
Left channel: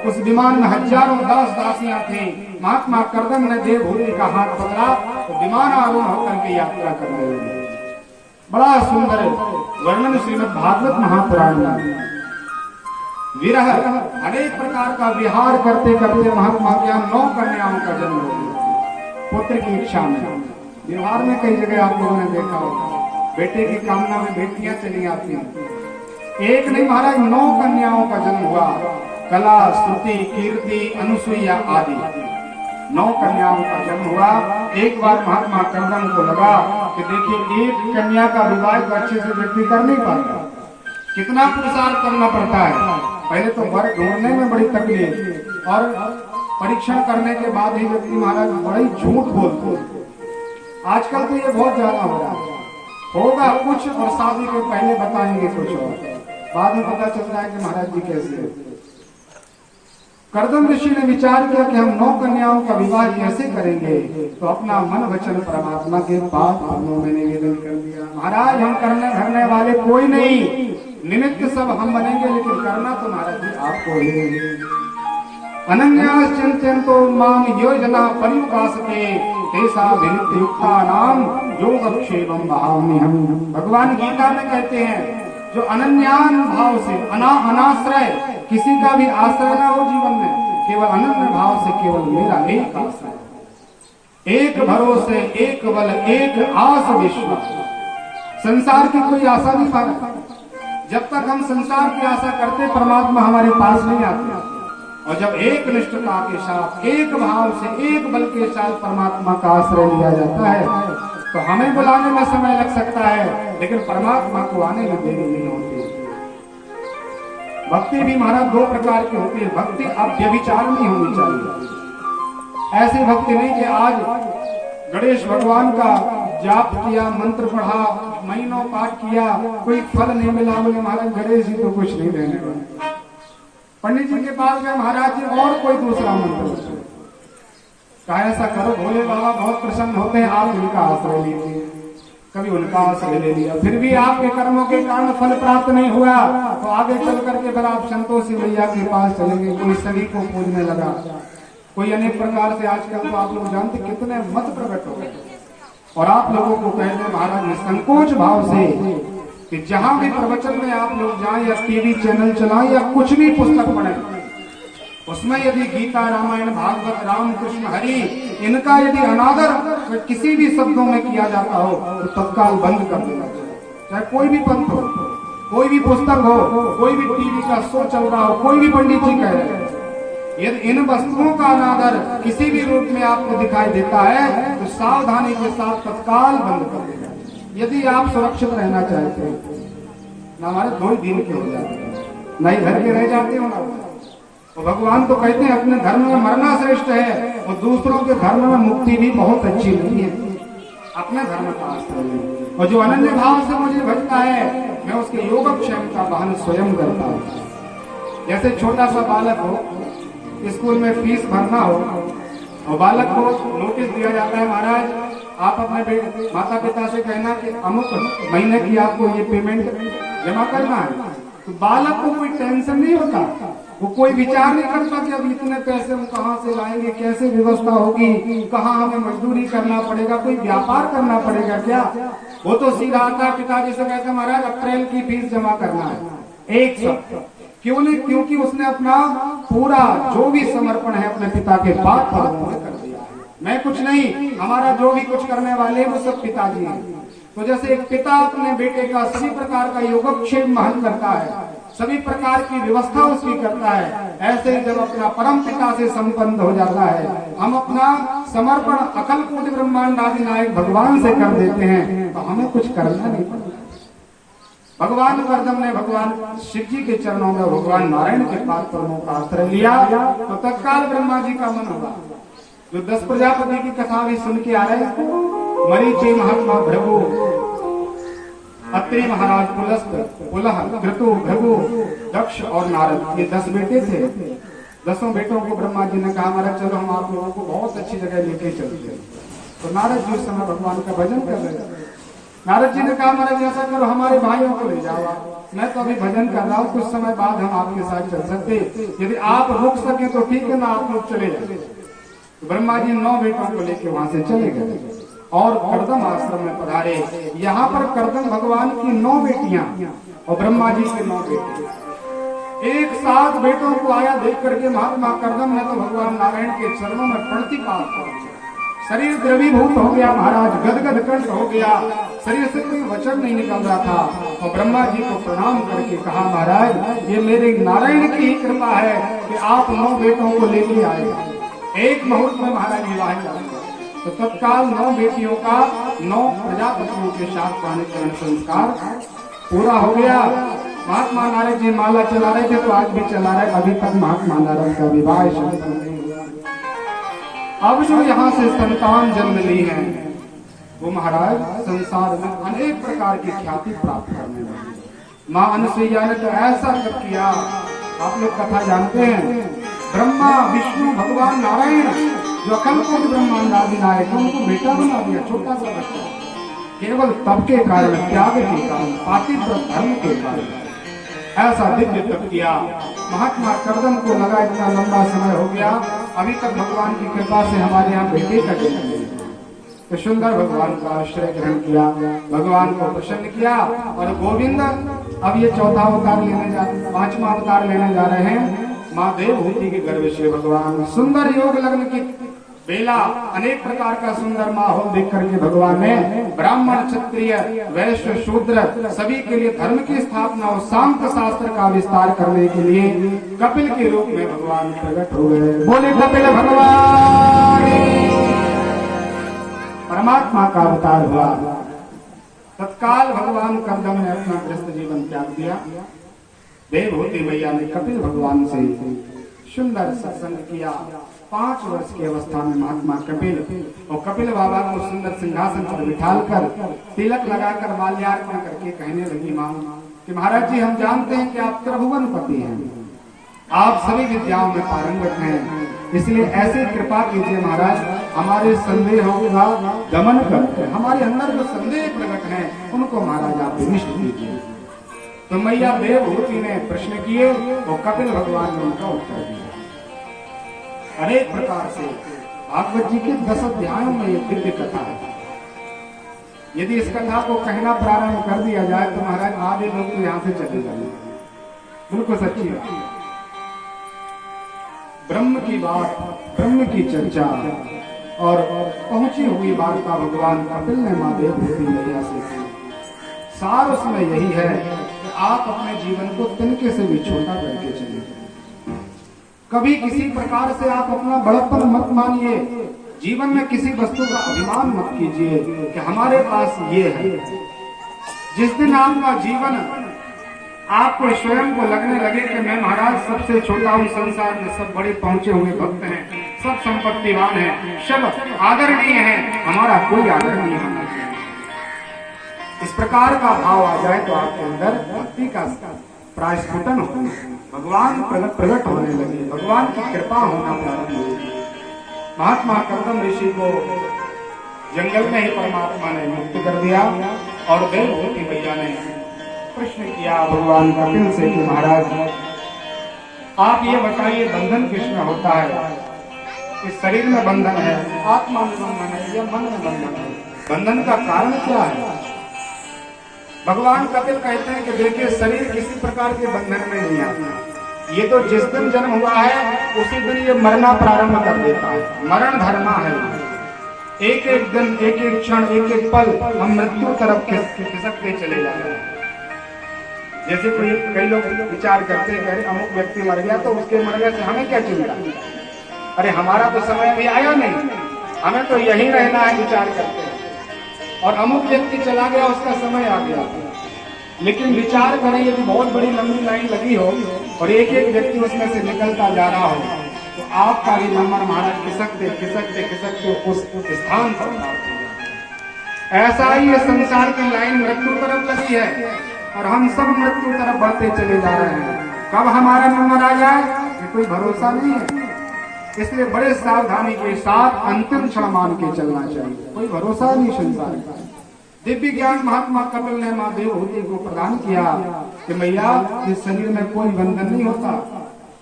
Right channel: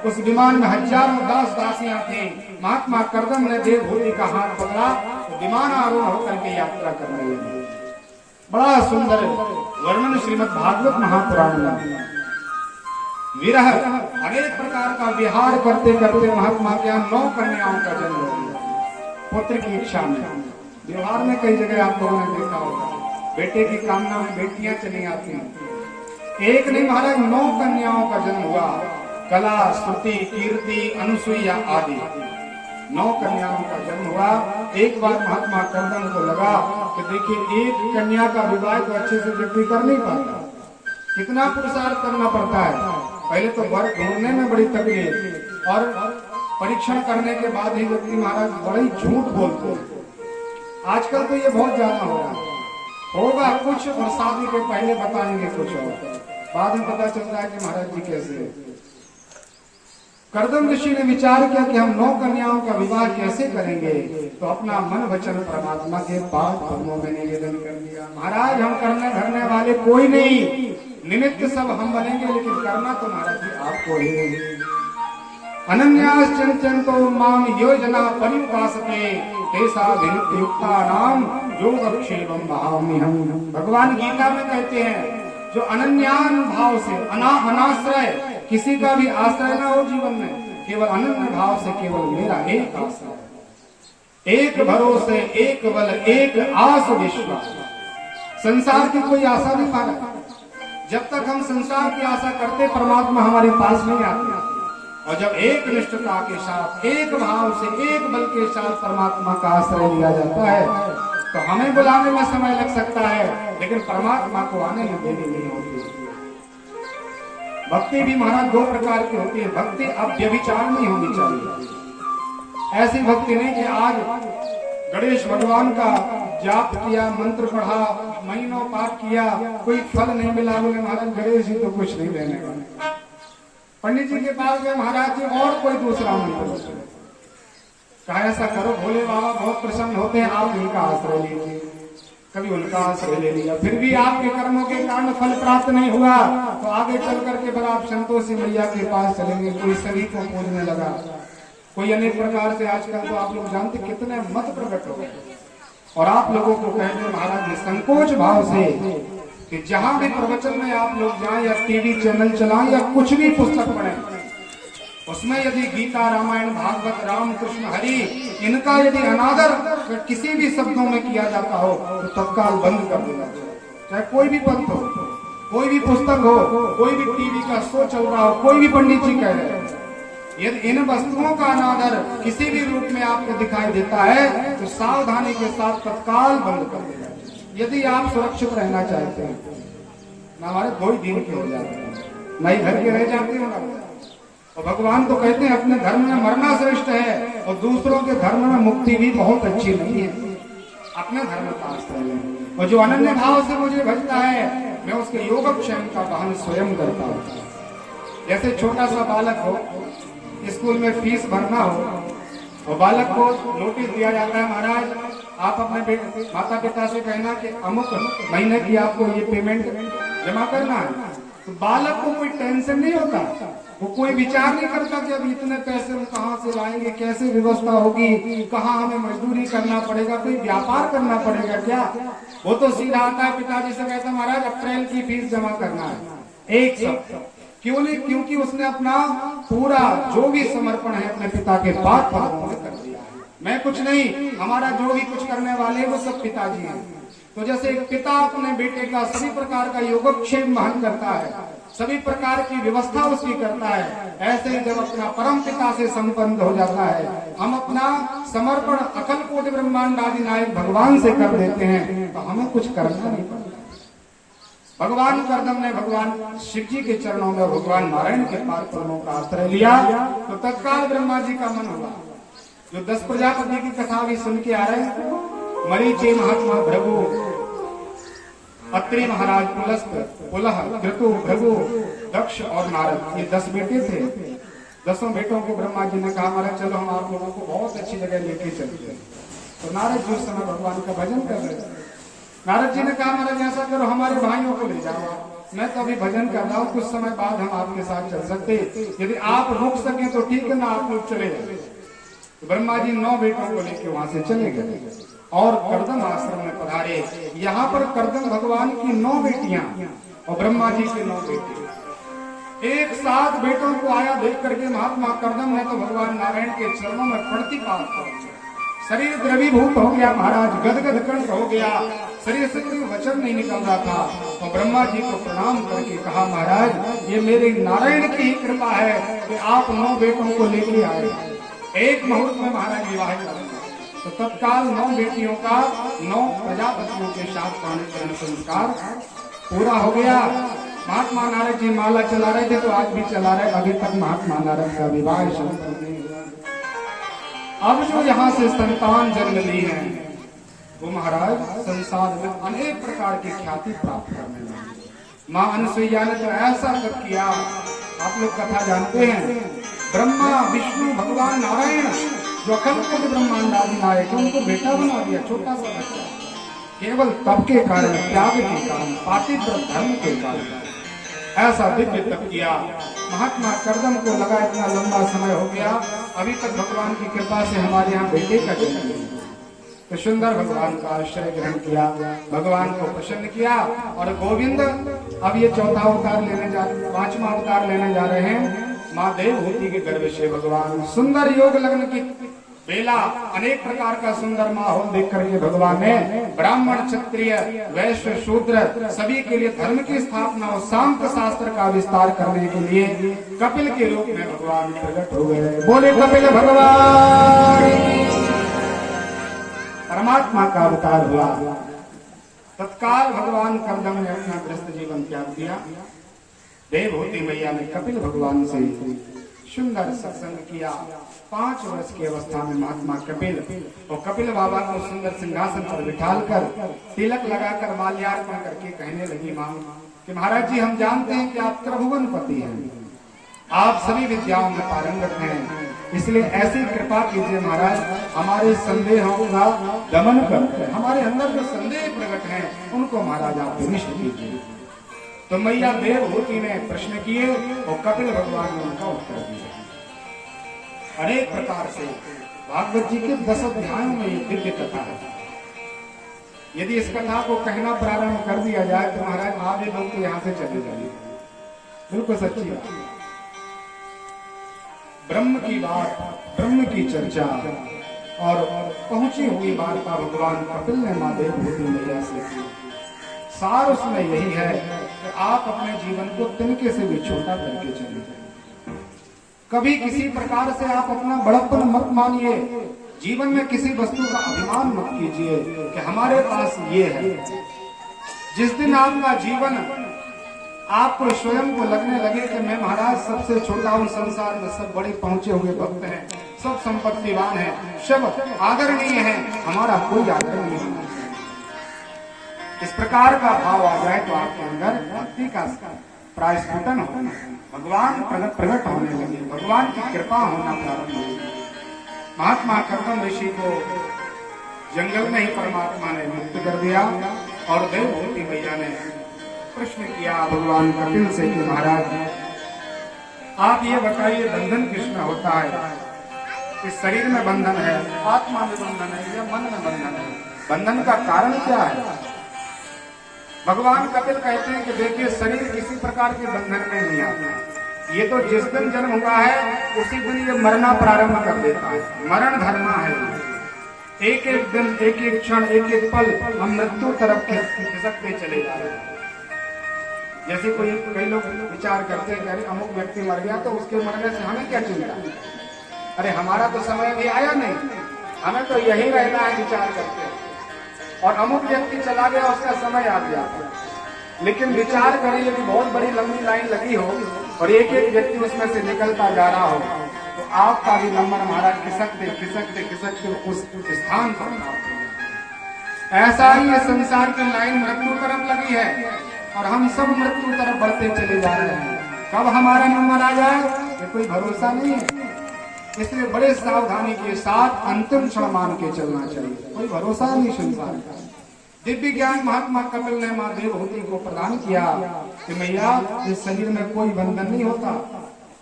उस विमान में हजारों दास दासियां थी। महात्मा कर्दम ने देवभूति का हाथ पकड़ा तो विमान आरूढ़ होकर के यात्रा करने लगे। बड़ा सुंदर वर्णन श्रीमद् भागवत महापुराण में। विरह अनेक प्रकार का विहार करते करते महात्मा के यहाँ 9 कन्याओं का जन्म हो गया पुत्र की इच्छा में। बिहार में कई जगह आप लोगों ने देखा होगा, बेटे की कामना में बेटियां चली आती हैं। एक नहीं महाराज 9 कन्याओं का जन्म हुआ। कला, स्तुति, कीर्ति, अनुसुईया आदि 9 कन्याओं का जन्म हुआ। एक बार महात्मा कर्दम को लगा कि देखिए एक कन्या का विवाह तो अच्छे से व्यक्ति कर नहीं पाता, कितना पुरुषार्थ करना पड़ता है। पहले तो वर ढूंढने में बड़ी तकलीफ और परीक्षण करने के बाद ही व्यक्ति महाराज बड़े झूठ बोलते हैं। आजकल तो ये बहुत ज्यादा हो रहा है। होगा कुछ और शादी के पहले बताएंगे कुछ और, बाद में पता चल रहा है कि महाराज जी कैसे। कर्दम ऋषि ने विचार किया कि हम 9 कन्याओं का विवाह कैसे करेंगे, तो अपना मन वचन परमात्मा के पास भावों में निवेदन कर दिया। महाराज हम करने धरने वाले कोई नहीं, निमित्त सब हम बनेंगे, लेकिन करना तो महाराज जी आपको ही। अनन्यास चिंतयन्तो माम योजना पर्युपासते तेषा विनित्य युक्ता नाम योगक्षेमं वहामि हम। भगवान गीता में कहते हैं जो अनन्यान भाव से अनाश्रय किसी का भी आश्रय ना हो जीवन में, केवल अनन्य भाव से केवल मेरा एक आश्रय, एक भरोसे, एक बल, एक आस विश्वास। संसार की कोई आशा नहीं पाता। जब तक हम संसार की आशा करते परमात्मा हमारे पास नहीं आते। और जब एक निष्ठता के साथ, एक भाव से, एक बल के साथ परमात्मा का आश्रय लिया जाता है तो हमें बुलाने में समय लग सकता है, लेकिन परमात्मा को आने में देरी नहीं होती। भक्ति भी महाराज 2 प्रकार की होती है। भक्ति अब व्यभिचार नहीं होनी चाहिए। ऐसी भक्ति नहीं कि आज गणेश भगवान का जाप किया, मंत्र पढ़ा, महीनों पाठ किया, कोई फल नहीं मिला, बोले महाराज गणेश जी तो कुछ नहीं देने वाले। पंडित जी के पास गए, महाराज जी और कोई दूसरा मंत्र कहा ऐसा करो, भोले बाबा बहुत प्रसन्न होते हैं, आप इनका आश्रय लीजिए। कभी उनका आश्रय ले लिया, फिर भी आपके कर्मों के कारण फल प्राप्त नहीं हुआ, तो आगे चल करके फिर आप संतोषी मैया के पास चलेंगे। कोई सभी को पूजने लगा, कोई अनेक प्रकार से। आजकल तो आप लोग जानते कितने मत प्रकट हो गए। और आप लोगों को कहते हैं महाराज संकोच भाव से कि जहां भी प्रवचन में आप लोग जाएं या टीवी चैनल चलाएं या कुछ भी पुस्तक पढ़ें, उसमें यदि गीता, रामायण, भागवत, राम, कृष्ण, हरि इनका यदि अनादर किसी भी शब्दों में किया जाता हो तो तत्काल बंद कर देना चाहिए। चाहे कोई भी पंथ हो, कोई भी पुस्तक हो, कोई भी टीवी का शो चल रहा हो, कोई भी पंडित जी कह रहे हैं, यदि इन वस्तुओं का अनादर किसी भी रूप में आपको दिखाई देता है तो सावधानी के साथ तत्काल बंद कर देना। यदि आप सुरक्षित रहना चाहते हैं, ना हमारे 2 दिन के हो जाते हैं, नहीं घर के रह जाते हो ना। तो भगवान तो कहते हैं अपने धर्म में मरना श्रेष्ठ है और दूसरों के धर्म में मुक्ति भी बहुत अच्छी नहीं है। अपने धर्म का आश्रय है। और जो अनन्य भाव से मुझे भजता है मैं उसके योगक्षेम का वहन स्वयं करता हूँ। जैसे छोटा सा बालक हो, स्कूल में फीस भरना हो और बालक को नोटिस दिया जाता है, महाराज आप अपने माता पिता से कहना कि अमुक महीने की आपको ये पेमेंट जमा करना है। तो बालक को कोई टेंशन नहीं होता, वो कोई विचार नहीं करता कि अब इतने पैसे हम कहाँ से लाएंगे, कैसे व्यवस्था होगी, कहाँ हमें मजदूरी करना पड़ेगा, कोई व्यापार करना पड़ेगा क्या। वो तो सीधा आता है पिताजी से कहते महाराज अप्रैल की फीस जमा करना है एक साथ। क्यों नहीं? क्योंकि उसने अपना पूरा जो भी समर्पण है अपने पिता के पाद पर कर दिया है। मैं कुछ नहीं, हमारा जो भी कुछ करने वाले वो सब पिताजी हैं। तो जैसे एक पिता अपने बेटे का सभी प्रकार का योगक्षेम वहन करता है, सभी प्रकार की व्यवस्था उसकी करता है, ऐसे ही जब अपना परम पिता से संपन्न हो जाता है, हम अपना समर्पण अकल कोटि ब्रह्मांड आदि नायक भगवान से कर देते हैं, तो हमें कुछ करना नहीं पड़ता। भगवान कर्दम ने भगवान शिव जी के चरणों में भगवान नारायण के पाद पद्मों का आश्रय लिया तो तत्काल ब्रह्मा जी का मन होगा। जो 10 प्रजापति की कथा भी सुन के आ रहे हैं, मरीचि महात्मा भृगु, अत्रि महाराज, पुलस्त, पुलह, क्रतु, भृगु, दक्ष और नारद, ये 10 बेटे थे। 10 बेटों को ब्रह्मा जी ने कहा महाराज चलो हम आप लोगों को बहुत अच्छी जगह लेके चलते हैं। तो नारद जी उस समय भगवान का भजन कर रहे थे। नारद जी ने कहा महाराज ऐसा करो हमारे भाइयों को ले जाओ, मैं तो अभी भजन कर रहा हूँ, कुछ समय बाद हम आपके साथ चल सकते, यदि आप रुक सके तो ठीक है, ना आप लोग चले जाए। तो ब्रह्मा जी 9 बेटों को लेकर वहां से चले गए और कर्दम आश्रम में पधारे। यहाँ पर कर्दम भगवान की 9 बेटियां और ब्रह्मा जी के 9 बेटे एक साथ बेटों को आया देख करके महात्मा कर्दम ने तो भगवान नारायण के चरणों में प्रणतिपात किया। शरीर द्रवीभूत हो गया महाराज, गदगद कंठ हो गया, शरीर से कोई वचन नहीं निकल रहा था। और ब्रह्मा जी को प्रणाम करके कहा महाराज ये मेरे नारायण की ही कृपा है कि आप 9 बेटों को लेके आए। एक मुहूर्त में महाराज विवाह हुआ। तो तत्काल 9 बेटियों का 9 प्रजापतियों के साथ प्राणिकरण संस्कार पूरा हो गया। महात्मा नारद जी माला चला रहे थे तो आज भी चला रहे, अभी तक महात्मा नारद का विवाह संपन्न नहीं हुआ। अब जो यहाँ से संतान जन्म ली है वो महाराज संसार में अनेक प्रकार की ख्याति प्राप्त करने लगे। माँ अनुसुईया ने तो ऐसा जब किया, आप लोग कथा जानते हैं, ब्रह्मा विष्णु भगवान नारायण जो अखंड कोटि ब्रह्मांड आदि नायक उनको बेटा बना दिया, छोटा सा बच्चा, केवल तप के कारण, त्याग के कारण, पातिव्रत धर्म के कारण ऐसा दिव्य तप किया। महात्मा कर्दम को लगा इतना लंबा समय हो गया, अभी तक भगवान की कृपा से हमारे यहाँ बेटे का जन्म नहीं। तो सुंदर भगवान का आश्रय ग्रहण किया, भगवान को प्रसन्न किया और गोविंद अब ये 4था अवतार लेने जा 5वां अवतार लेने जा रहे हैं। माँ देवभूति के गर्भ से भगवान सुंदर योग लग्न की बेला, अनेक प्रकार का सुंदर माहौल देख करके भगवान ने ब्राह्मण, क्षत्रिय, वैश्य, शूद्र सभी के लिए धर्म की स्थापना और शांत शास्त्र का विस्तार करने के लिए कपिल के रूप में भगवान प्रकट हो गए। बोले कपिल भगवान, परमात्मा का अवतार हुआ। तत्काल भगवान कर्दम ने अपना गृहस्थ जीवन त्याग दिया। देवभूति मैया ने कपिल भगवान से सुंदर सत्संग किया। 5 वर्ष की अवस्था में महात्मा कपिल और कपिल बाबा को सुंदर सिंहासन पर बिठाकर तिलक लगाकर माल्यार्पण करके कहने लगी माँ कि महाराज जी हम जानते हैं कि आप त्रिभुवन पति हैं, आप सभी विद्याओं में पारंगत हैं, इसलिए ऐसी कृपा कीजिए महाराज, हमारे संदेहों का दमन कर हमारे अंदर जो संदेह प्रकट हैं उनको महाराज आप निष्ठ कीजिए। तो मैया देवभूति ने प्रश्न किए और कपिल भगवान ने उनका उत्तर दिया। अनेक प्रकार से भागवत जी के 10 अध्यायों में ये दिव्य कथा है। यदि इस कथा को कहना प्रारंभ कर दिया जाए तो महाराज आधे लोग तो यहाँ से चले जाएंगे। उनको सच्ची बात, ब्रह्म की बात, ब्रह्म की चर्चा और पहुंची हुई वार्ता भगवान कपिल ने माँ देवभूति मैया से की। सार उसमें यही है कि आप अपने जीवन को तिनके से भी छोटा करके चलिए। कभी किसी प्रकार से आप अपना बड़प्पन मत मानिए, जीवन में किसी वस्तु का अभिमान मत कीजिए कि हमारे पास ये है। जिस दिन आपका जीवन आपको स्वयं को लगने लगे कि मैं महाराज सबसे छोटा हूँ संसार में, सब बड़े पहुंचे हुए भक्त हैं, सब संपत्तिवान हैं, सब आदरणीय हैं, हमारा कोई आदर नहीं है, इस प्रकार का भाव आ जाए तो आपके अंदर भक्ति का प्रायस्फुटन होना, भगवान प्रकट होने लगे, भगवान की कृपा होना प्रारंभ होगी। महात्मा कर्दम ऋषि को जंगल में ही परमात्मा ने मुक्त कर दिया और देवभूति मैया ने प्रश्न किया भगवान कपिल से कि महाराज आप ये बताइए बंधन किसमें होता है? इस शरीर में बंधन है, आत्मा में बंधन है या मन में बंधन है? बंधन का कारण क्या है? भगवान कपिल कहते हैं कि देखिए शरीर किसी प्रकार के बंधन में नहीं आता, ये तो जिस दिन जन्म हुआ है उसी दिन ये मरना प्रारंभ कर देता है, मरण धर्मा है। एक एक दिन, एक एक क्षण, एक एक पल हम मृत्यु तरफ खिसकते चले जा रहे हैं। जैसे कई लोग विचार करते हैं कि अमुक व्यक्ति मर गया तो उसके मरने से हमें क्या चिंता, अरे हमारा तो समय अभी आया नहीं, हमें तो यही रहना है, विचार करते हैं। और अमुक व्यक्ति चला गया उसका समय आ गया, लेकिन विचार करें यदि बहुत बड़ी लंबी लाइन लगी हो और एक एक व्यक्ति उसमें से निकलता जा रहा हो तो आपका भी नंबर महाराज खिसकते खिसकते खिसकते उस स्थान पर। ऐसा ही ये संसार की लाइन मृत्यु तरफ लगी है और हम सब मृत्यु तरफ बढ़ते चले जा रहे हैं। कब हमारा नंबर आ जाए ये कोई भरोसा नहीं है, इसलिए बड़े सावधानी के साथ अंतिम क्षण मान के चलना चाहिए, कोई भरोसा नहीं संसार का। दिव्य ज्ञान महात्मा कपिल ने माँ देवहूति को प्रदान किया कि मैया इस शरीर में कोई बंधन नहीं होता,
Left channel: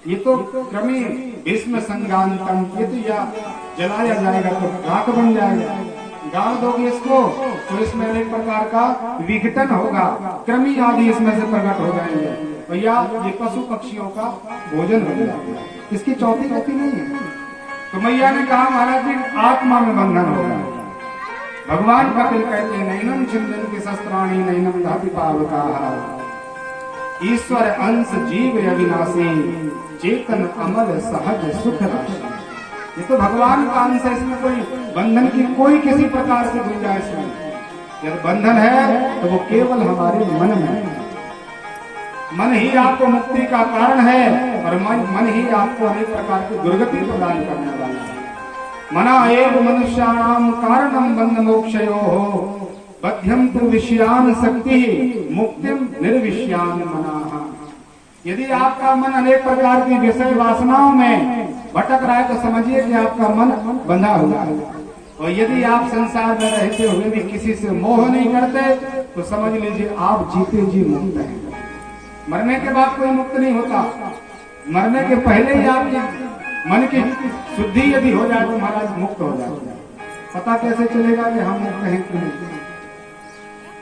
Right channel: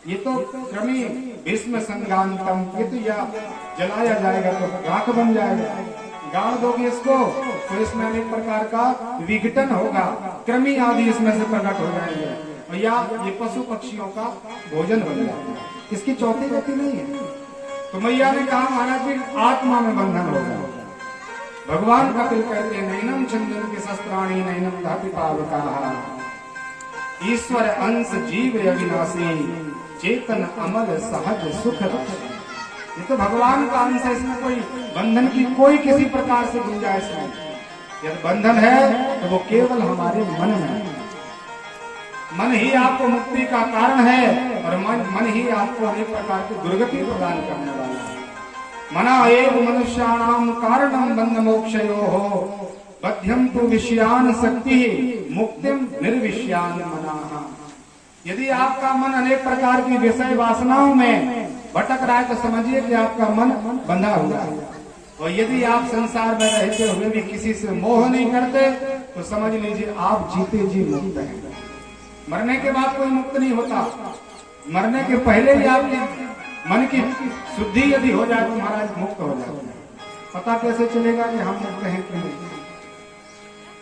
ये तो क्रमी भीष्म संज्ञानतम, ये तो या जलाया जाएगा तो राख बन जाएगा, गाड़ दोगे इसको तो इसमें अनेक प्रकार का विघटन होगा, कृमि आदि इसमें से प्रकट हो जाएंगे, भैया ये पशु पक्षियों का भोजन बन जाएगा, इसकी चौथी गति नहीं है। तो मैया ने कहा महाराज जी आत्मा में बंधन होगा। भगवान कपिल कहते हैं नैनम छंदन के शस्त्राणी नैनम धाति पावका, ईश्वर अंश जीव अविनाशी चेतन अमल सहज सुख राशि। ये तो भगवान का अंश है, इसमें कोई बंधन की कोई किसी प्रकार से गुंजाइश नहीं। यदि बंधन है तो वो केवल हमारे मन में है। मन ही आपको मुक्ति का कारण है और मन ही आपको अनेक प्रकार की दुर्गति प्रदान करने वाला है। मना एव मनुष्याणाम कारणम बंध मोक्षयोः बध्यं तु विषयान शक्ति मुक्तिम निर्विषयान मनाः। यदि आपका मन अनेक प्रकार की विषय वासनाओं में भटक रहा है तो समझिए कि आपका मन बंधा हुआ है, और यदि आप संसार में रहते हुए भी किसी से मोह नहीं करते तो समझ लीजिए आप जीते जी मुक्त हैं। मरने के बाद कोई मुक्त नहीं होता, मरने के पहले ही आपकी मन की शुद्धि यदि हो जाए तो महाराज मुक्त हो जाते हैं। पता कैसे चलेगा कि हम मुक्त हैं कि नहीं?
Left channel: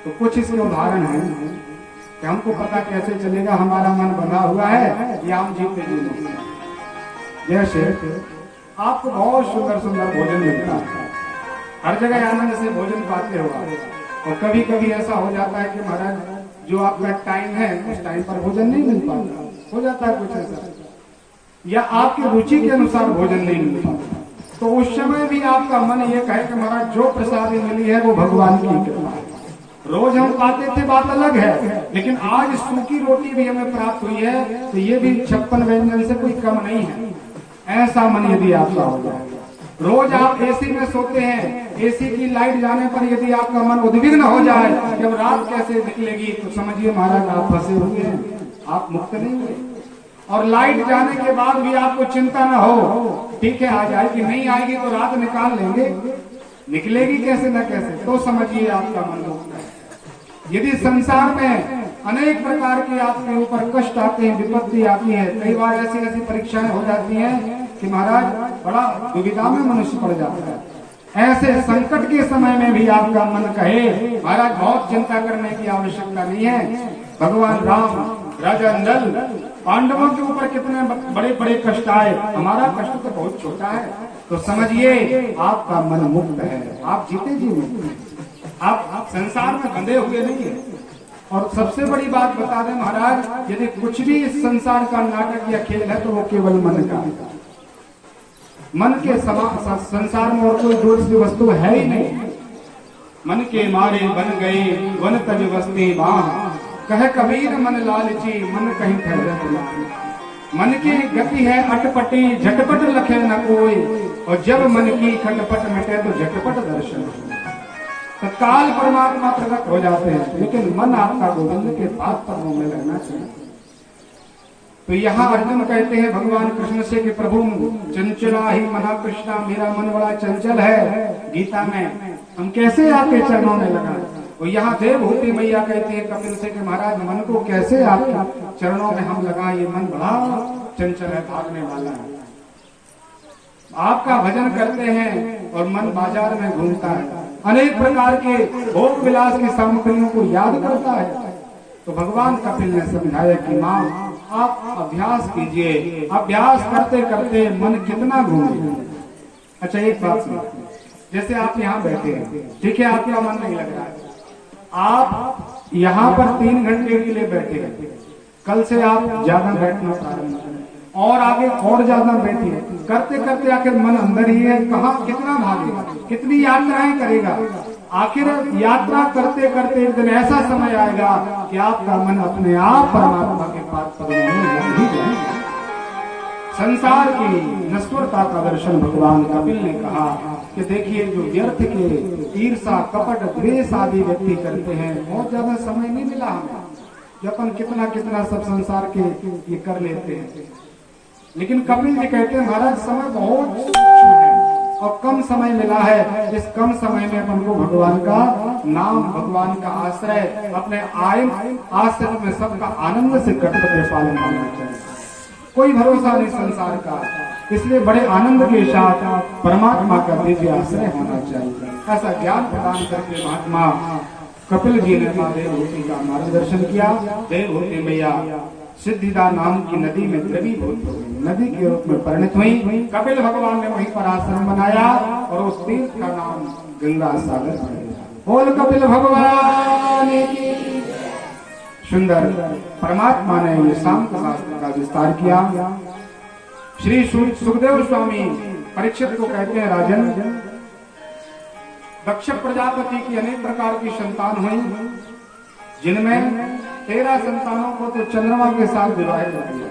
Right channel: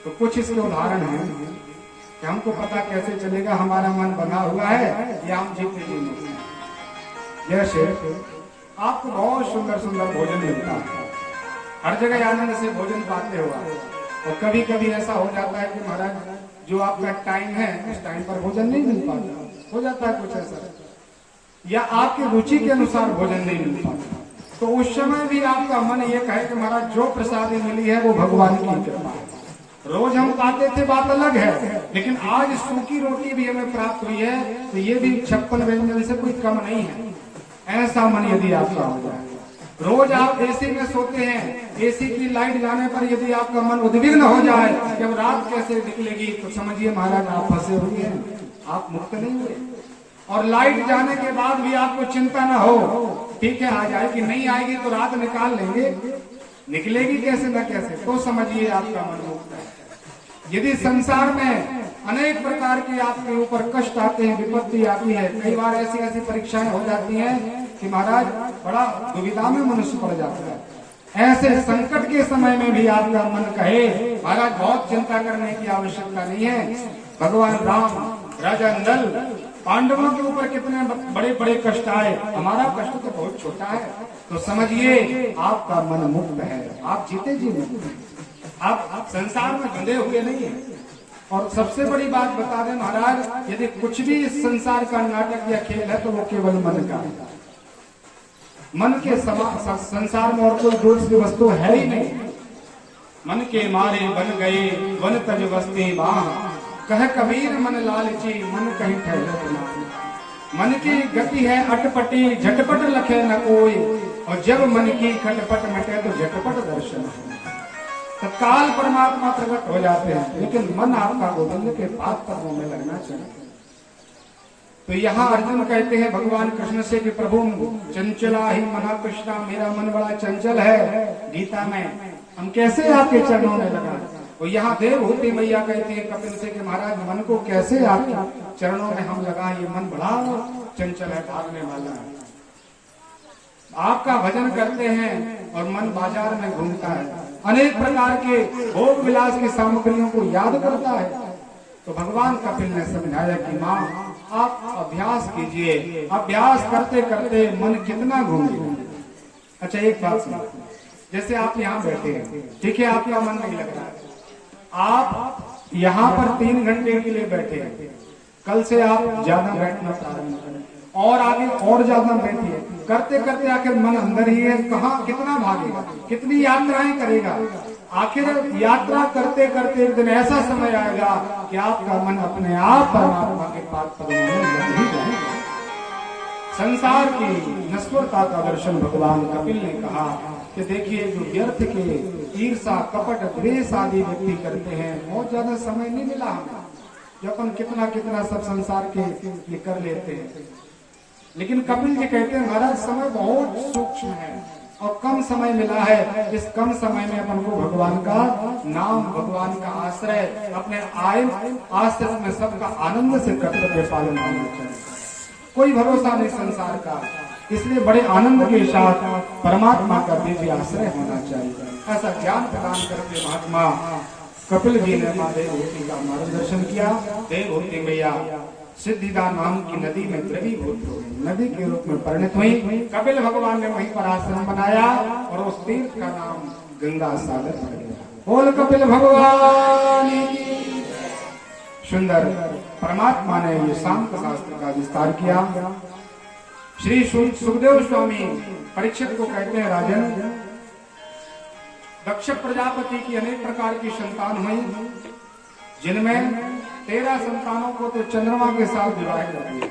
तो कुछ इसके उदाहरण हैं कि हमको पता कैसे चलेगा हमारा मन बंधा हुआ है या हम जीते जी मुक्त हैं। जैसे आपको बहुत सुंदर सुंदर भोजन मिलता है, हर जगह आनंद से भोजन पाते हो, और कभी कभी ऐसा हो जाता है कि महाराज जो आपका टाइम है उस टाइम पर भोजन नहीं मिल पाता, हो जाता है कुछ ऐसा, या आपकी रुचि के अनुसार भोजन नहीं मिल पाता, तो उस समय भी आपका मन ये कहे कि महाराज जो प्रसादी मिली है वो भगवान की कृपा है। रोज हम पाते थे बात अलग है, लेकिन आज सूखी रोटी भी हमें प्राप्त हुई है तो ये भी 56 व्यंजन से कोई कम नहीं है। ऐसा मन यदि आपका हो जाए, रोज आप एसी में सोते हैं, एसी की लाइट जाने पर यदि आपका मन उद्विग्न हो जाए कि अब रात कैसे निकलेगी तो समझिए महाराज आप फंसे हुए हैं, आप मुक्त नहीं हुए। और लाइट जाने के बाद भी आपको चिंता न हो, ठीक है आ जाएगी, नहीं आएगी तो रात निकाल लेंगे, निकलेगी कैसे न कैसे, तो समझिए आपका मन मुक्त है। यदि संसार में अनेक प्रकार के आपके ऊपर कष्ट आते हैं, विपत्ति आती है, कई बार ऐसी ऐसी परीक्षाएं हो जाती हैं कि महाराज बड़ा दुविधा में मनुष्य पड़ जाता है। ऐसे संकट के समय में भी आपका मन कहे महाराज बहुत चिंता करने की आवश्यकता नहीं है, भगवान राम राजा नल पांडवों के ऊपर कितने बड़े बड़े कष्ट आए, हमारा कष्ट तो बहुत छोटा है, तो समझिए आपका मन मुक्त है, आप जीते जी मुक्त हैं, आप संसार में बंधे हुए नहीं है। और सबसे बड़ी बात बता दें महाराज, यदि कुछ भी इस संसार का नाटक या खेल है तो वो केवल मन का है। मन के संसार में और कोई दूसरी वस्तु है ही नहीं। मन के मारे बन गए वन तज बस्ती बाह, कह कबीर मन लालची मन कहीं ठहरत नहीं। मन की गति है अटपटी झटपट लखे न कोई, और जब मन की खटपट मिटे तो झटपट दर्शन हो। तत्काल परमात्मा प्रकट हो जाते हैं, लेकिन मन आपका गोविंद के पाद पद्मों में लगना चाहिए। तो यहाँ अर्जुन कहते हैं भगवान कृष्ण से कि प्रभु चंचला ही मना कृष्णा, मेरा मन बड़ा चंचल है। गीता में हम कैसे आपके चरणों में लगा। तो यहाँ देवहूति मैया कहती है कपिल से कि महाराज मन को कैसे आपके चरणों में हम लगा, ये मन बड़ा चंचल है, भागने वाला है। आपका भजन करते हैं और मन बाजार में घूमता है, अनेक प्रकार के भोग विलास की सामग्रियों को याद करता है। तो भगवान कपिल ने समझाया कि माँ आप अभ्यास कीजिए, अभ्यास करते करते मन कितना घूमेगा। अच्छा एक बात सुनो, जैसे आप यहाँ बैठे हैं, ठीक है, आपका मन नहीं लग रहा है, आप यहाँ पर 3 घंटे के लिए बैठे हैं, कल से आप ज्यादा बैठना प्रारंभ करें और आगे और ज्यादा बैठिए। करते करते आखिर मन अंदर ही है, कहाँ कितना भागेगा, कितनी यात्राएं करेगा। आखिर यात्रा करते करते एक दिन ऐसा समय आएगा कि आपका मन अपने आप परमात्मा के पाद पद्मों में लग ही जाएगा। संसार की नश्वरता का दर्शन भगवान कपिल ने कहा कि देखिए जो व्यर्थ के ईर्षा कपट द्वेष आदि व्यक्ति करते हैं, बहुत ज्यादा समय नहीं मिला हमें, जो अपन कितना कितना सब संसार के ये कर लेते हैं। लेकिन कपिल जी कहते हैं महाराज समय बहुत सूक्ष्म है और कम समय मिला है। इस कम समय में अपन को भगवान का नाम, भगवान का आश्रय, अपने आश्रय में सबका आनंद से कर्तव्य पालन करना चाहिए। कोई भरोसा नहीं संसार का, इसलिए बड़े आनंद के साथ परमात्मा का दिव्य आश्रय होना चाहिए। ऐसा ज्ञान प्रदान करके महात्मा कपिल जी ने माँ देवहूति का मार्गदर्शन किया। देवहूति मैया सिद्धिदा नाम की नदी में द्रवीभूत हो गई, नदी के रूप में परिणत हुई। कपिल भगवान ने वहीं पर आश्रम बनाया और उस तीर्थ का नाम गंगा सागर पड़ गया। बोल कपिल भगवान की। सुंदर परमात्मा ने ये शांत शास्त्र का विस्तार किया। श्री सुखदेव स्वामी परीक्षित को कहते हैं राजन, दक्ष प्रजापति की अनेक प्रकार की संतान हुई, जिनमें 13 संतानों को तो चंद्रमा के साथ विवाहित कर दिया,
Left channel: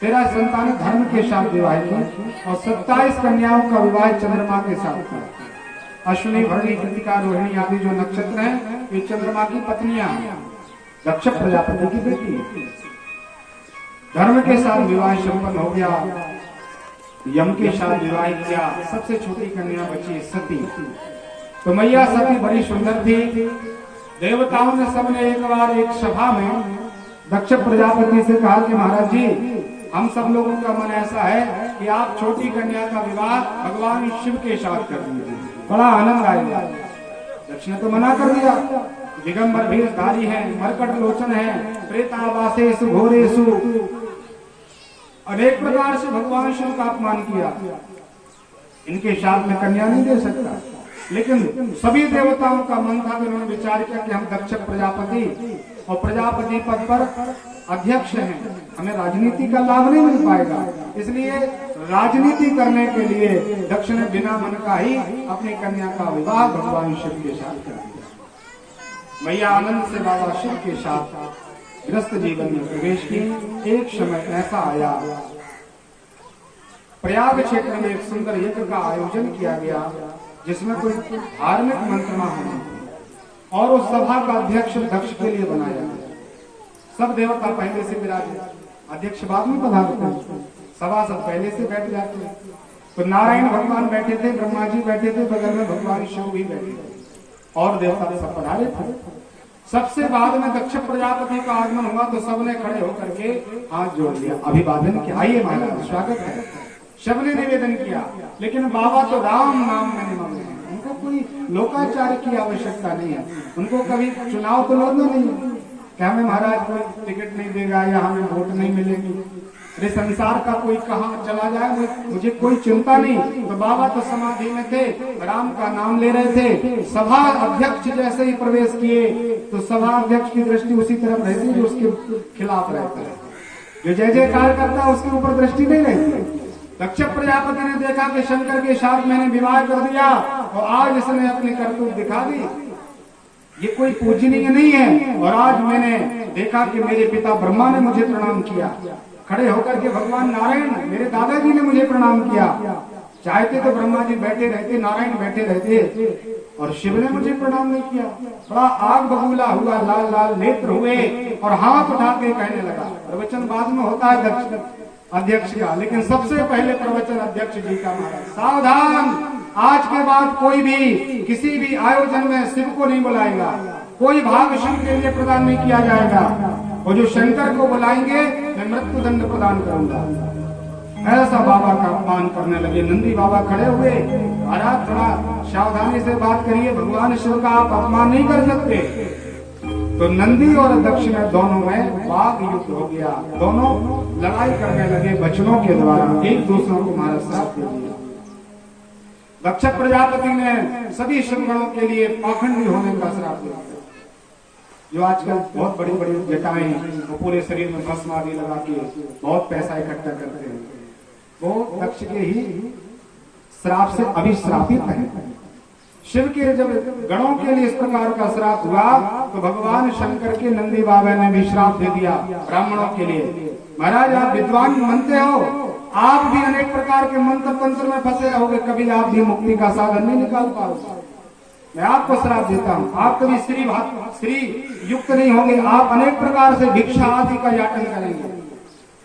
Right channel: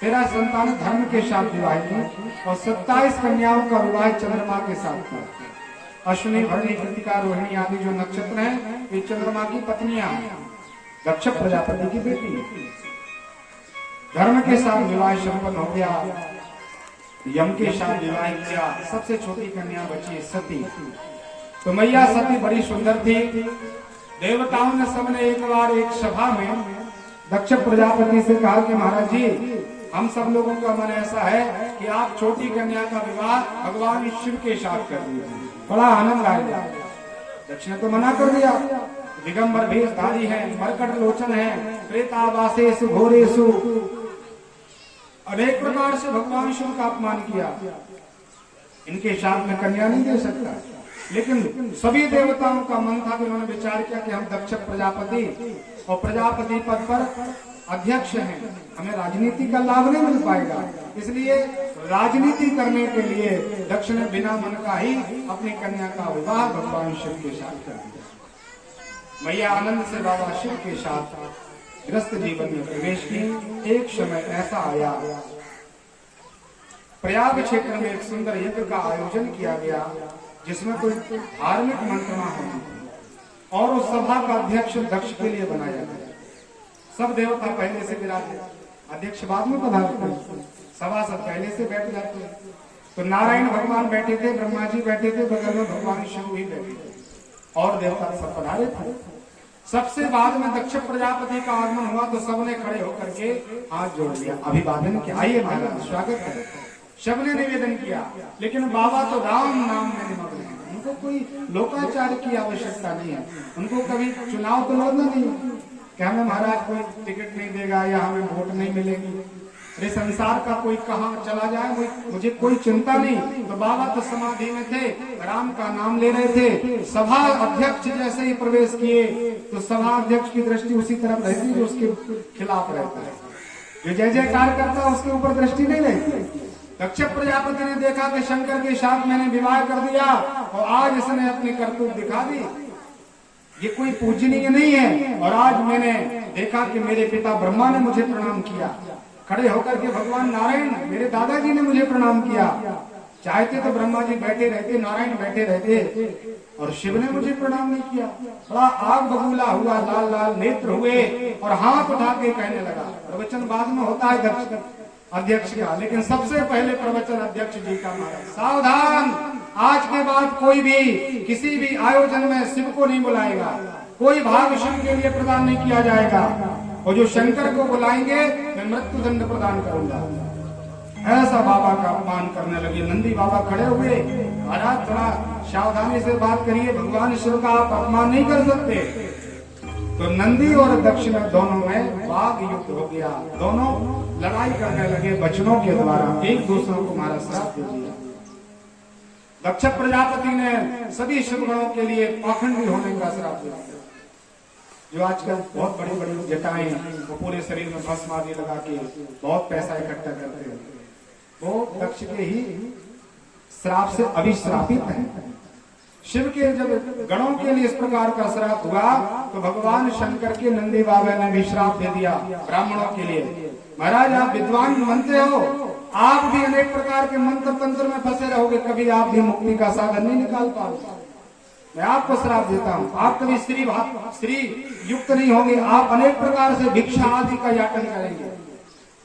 13 संतान धर्म के साथ विवाहित की और 27 कन्याओं का विवाह चंद्रमा के साथ किया। अश्विनी भरणी कृतिका रोहिणी आदि जो नक्षत्र हैं ये चंद्रमा की पत्नियां हैं, दक्ष प्रजापति की बेटी है। धर्म के साथ विवाह संपन्न हो गया, यम के साथ विवाह किया। सबसे छोटी कन्या बची सती। तो मैया सती बड़ी सुंदर थी। देवताओं ने सबने एक बार एक सभा में दक्ष प्रजापति से कहा कि महाराज जी हम सब लोगों का मन ऐसा है कि आप छोटी कन्या का विवाह भगवान शिव के साथ कर दीजिए, बड़ा आनंद आएगा। दक्ष ने तो मना कर दिया। दिगंबर भेषधारी है, मरकट लोचन है, प्रेतावासेषु घोरेषु, अनेक प्रकार से भगवान शिव का अपमान किया। इनके साथ में कन्या नहीं दे सकता। लेकिन सभी देवताओं का मन था कि उन्होंने विचार किया कि हम दक्ष प्रजापति और प्रजापति पद पर अध्यक्ष हैं, हमें राजनीति का लाभ नहीं मिल पाएगा, इसलिए राजनीति करने के लिए दक्ष ने बिना मन का ही अपनी कन्या का विवाह भगवान शिव के साथ कर दिया। मैया आनंद से बाबा शिव के साथ गृहस्थ जीवन में प्रवेश की। एक समय ऐसा आया, प्रयाग क्षेत्र में एक सुंदर यज्ञ का आयोजन किया गया जिसमें कोई धार्मिक मंत्रणा होनी और उस सभा का अध्यक्ष दक्ष के लिए बनाया गया। सब देवता पहले से विराजे, अध्यक्ष बाद में पधारते हैं, सभा सब पहले से बैठ जाते हैं। तो नारायण भगवान बैठे थे, ब्रह्मा जी बैठे थे, बगल में भगवान शिव भी बैठे थे और देवता सब पधारे थे। सबसे बाद में दक्ष प्रजापति का आगमन हुआ तो सबने खड़े होकर के हाथ जोड़ लिया, अभिवादन किया, आइए महाराज स्वागत है। सबने निवेदन किया, लेकिन बाबा तो राम नाम में निमग्न है, उनको कोई लोकाचार की आवश्यकता नहीं है। उनको कभी चुनाव तो लड़ना नहीं है कि हमें महाराज कोई टिकट नहीं देगा या हमें वोट नहीं मिलेगी, अरे संसार का कोई कहाँ चला जाए मुझे कोई चिंता नहीं। तो बाबा तो समाधि में थे, राम का नाम ले रहे थे। सभा अध्यक्ष जैसे ही प्रवेश किए तो सभा अध्यक्ष की दृष्टि उसी तरफ रहती है जो उसके खिलाफ रहता है। जो जय जयकार करता है उसके ऊपर दृष्टि नहीं रहती। दक्ष प्रजापति ने देखा कि शंकर के साथ मैंने विवाह कर दिया और आज इसने अपनी करतूत दिखा दी, ये कोई पूजनीय नहीं है। और आज मैंने देखा कि मेरे पिता ब्रह्मा ने मुझे प्रणाम किया, खड़े होकर के भगवान नारायण मेरे दादाजी ने मुझे प्रणाम किया। चाहते तो ब्रह्मा जी बैठे रहते, नारायण बैठे रहते, और शिव ने मुझे प्रणाम नहीं किया। बड़ा आग बबूला हुआ, लाल लाल नेत्र हुए और हाथ उठा के कहने लगा। प्रवचन बाद में होता है अध्यक्ष का, लेकिन सबसे पहले प्रवचन अध्यक्ष जी का महाराज। सावधान, आज के बाद कोई भी किसी भी आयोजन में शिव को नहीं बुलाएगा, कोई भाग शिव के लिए प्रदान नहीं किया जाएगा, और जो शंकर को बुलाएंगे मैं मृत्यु दंड प्रदान करूंगा। ऐसा बाबा का अपमान करने लगे। नंदी बाबा खड़े हुए, महाराज थोड़ा सावधानी से बात करिए, भगवान शिव का आप अपमान नहीं कर सकते। तो नंदी और दक्ष में दोनों में वाद युद्ध हो गया, दोनों लड़ाई करने लगे वचनों के द्वारा, एक दूसरों को महाराज श्राप दे दिया। दक्ष प्रजापति ने सभी शिवगणों के लिए पाखंडी होने का श्राप दिया। जो आजकल बहुत बड़ी बड़ी जटाएं वो पूरे शरीर में भस्म आदि लगा के बहुत पैसा इकट्ठा करते हैं, वो दक्ष के ही श्राप से अभिश्रापित है। शिव के जब गणों के लिए इस प्रकार का श्राप हुआ तो भगवान शंकर के नंदी बाबा ने भी श्राप दे दिया ब्राह्मणों के लिए। महाराज आप विद्वान मनते हो, आप भी अनेक प्रकार के मंत्र तंत्र में फंसे रहोगे, कभी आप भी मुक्ति का साधन नहीं निकाल पाओगे। मैं आपको श्राप देता हूँ, आप कभी स्त्री युक्त नहीं होंगे, आप अनेक प्रकार से भिक्षा आदि का याचन करेंगे।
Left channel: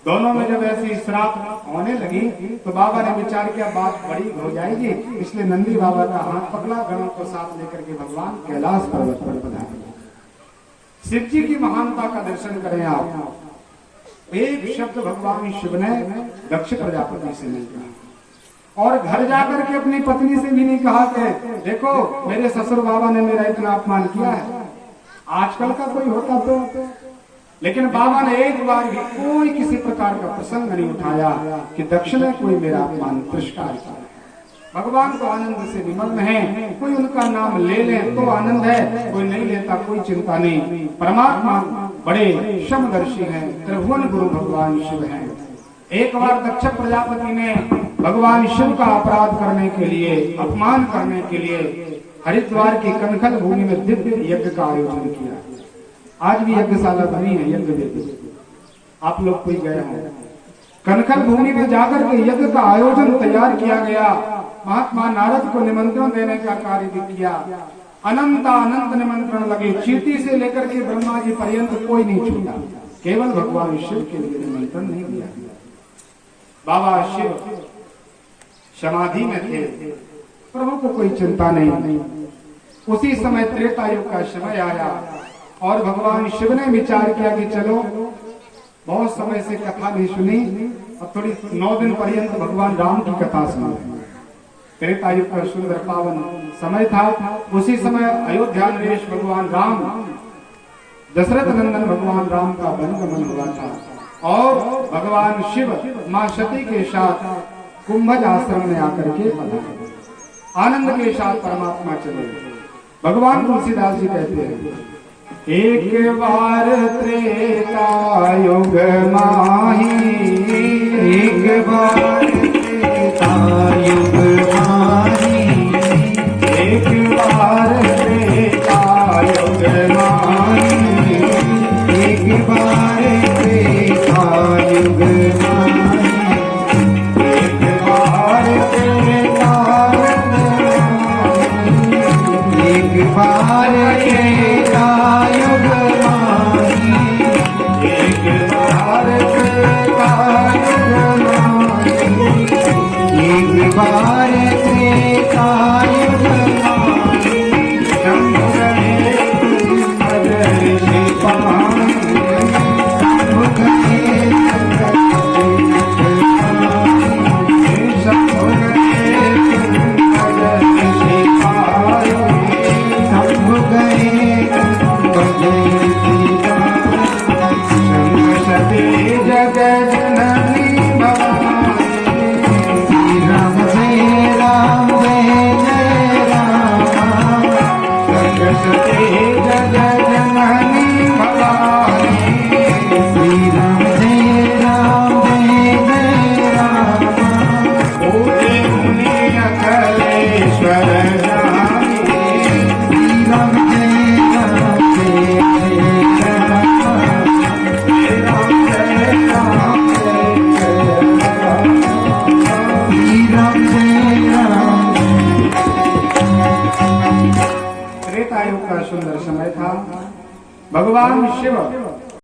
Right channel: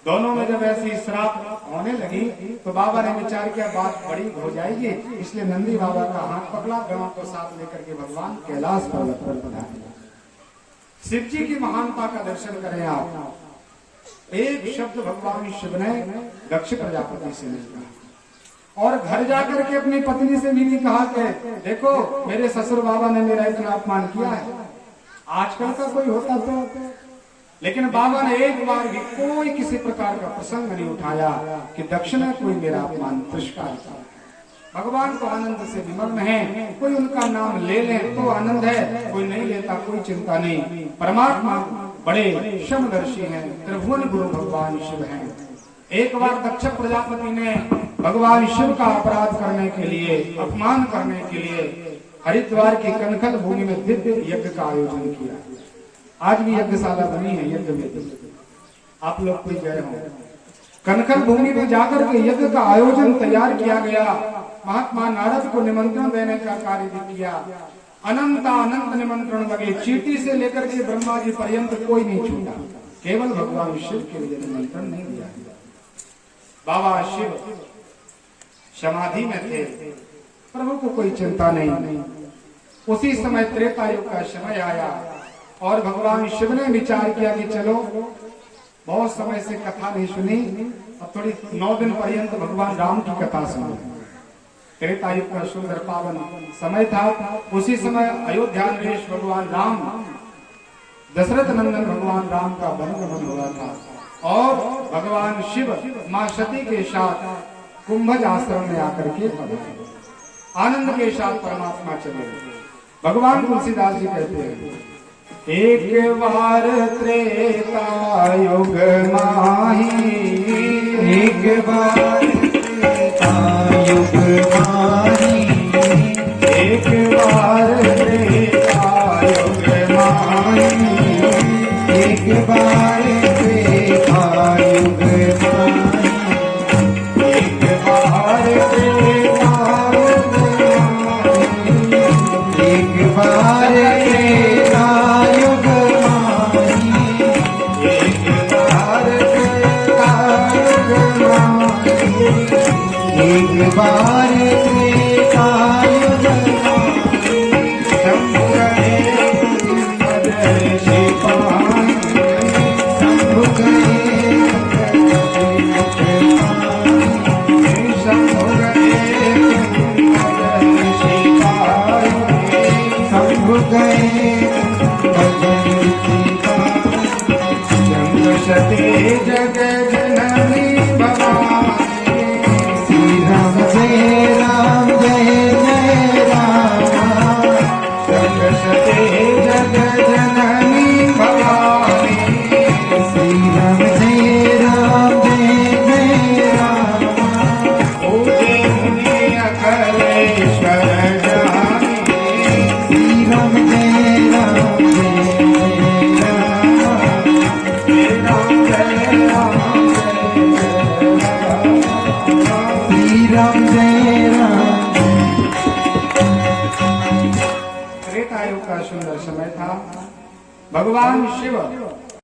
दोनों में जब ऐसी श्राप होने लगी तो बाबा ने विचार किया बात बड़ी हो जाएगी, इसलिए नंदी बाबा का हाथ पकड़ा, गणों को साथ लेकर के भगवान कैलाश पर्वत पर पधारे। शिव जी की महानता का दर्शन करें आप। एक शब्द भगवान शिव ने दक्ष प्रजापति से नहीं कहा, और घर जाकर के अपनी पत्नी से भी नहीं कहा कि देखो मेरे ससुर बाबा ने मेरा इतना अपमान किया है। आजकल का कोई होता तो, लेकिन बाबा ने एक बार भी कोई किसी प्रकार का प्रसंग नहीं उठाया कि दक्ष ने कोई मेरा अपमान तिरस्कार किया। भगवान को आनंद से निमग्न है, कोई उनका नाम ले ले तो आनंद है, कोई नहीं लेता कोई चिंता नहीं। परमात्मा बड़े समदर्शी हैं, त्रिभुवन गुरु भगवान शिव हैं। एक बार दक्ष प्रजापति ने भगवान शिव का अपराध करने के लिए, अपमान करने के लिए हरिद्वार की कनखल भूमि में दिव्य यज्ञ का आयोजन किया। आज भी यज्ञशाला बनी है, यज्ञ वेदी, आप लोग कोई गए हो। कनखल भूमि में जाकर के यज्ञ का आयोजन तैयार किया गया। महात्मा नारद को निमंत्रण देने का कार्य भी किया। अनंत निमंत्रण लगे, चींटी से लेकर के ब्रह्मा जी पर्यंत कोई नहीं छूटा, केवल भगवान शिव के लिए निमंत्रण नहीं दिया। बाबा शिव समाधि में थे, प्रभु को कोई चिंता नहीं। उसी समय त्रेता युग का समय आया और भगवान शिव ने विचार किया कि चलो बहुत समय से कथा नहीं सुनी, अब थोड़ी 9 दिन पर्यंत भगवान राम की कथा सुनो। त्रेता युग का सुंदर पावन समय था। उसी समय अयोध्या नरेश भगवान राम, दशरथ नंदन भगवान राम का वनगमन हुआ था और भगवान शिव मां सती के साथ कुंभज आश्रम में आकर के आनंद के साथ परमात्मा चले। भगवान तुलसीदास जी कहते हैं, एक बार त्रेता युग माही, एक बार त्रेता युग माही, एक बार त्रेता युग माही, एक बार त्रेता युग माही, एक बार त्रेता युग माही, एक बार त्रेता युग माही, एक बार त्रेता युग माही, एक बार त्रेता युग माही, शंभु गए कुंभज शिवमाही, शंभु गए शंभु गए कुंभज शिवमाही, शंभु गए भजन सती जग जननी भवानी, श्री राम जय देखा भगवान शिव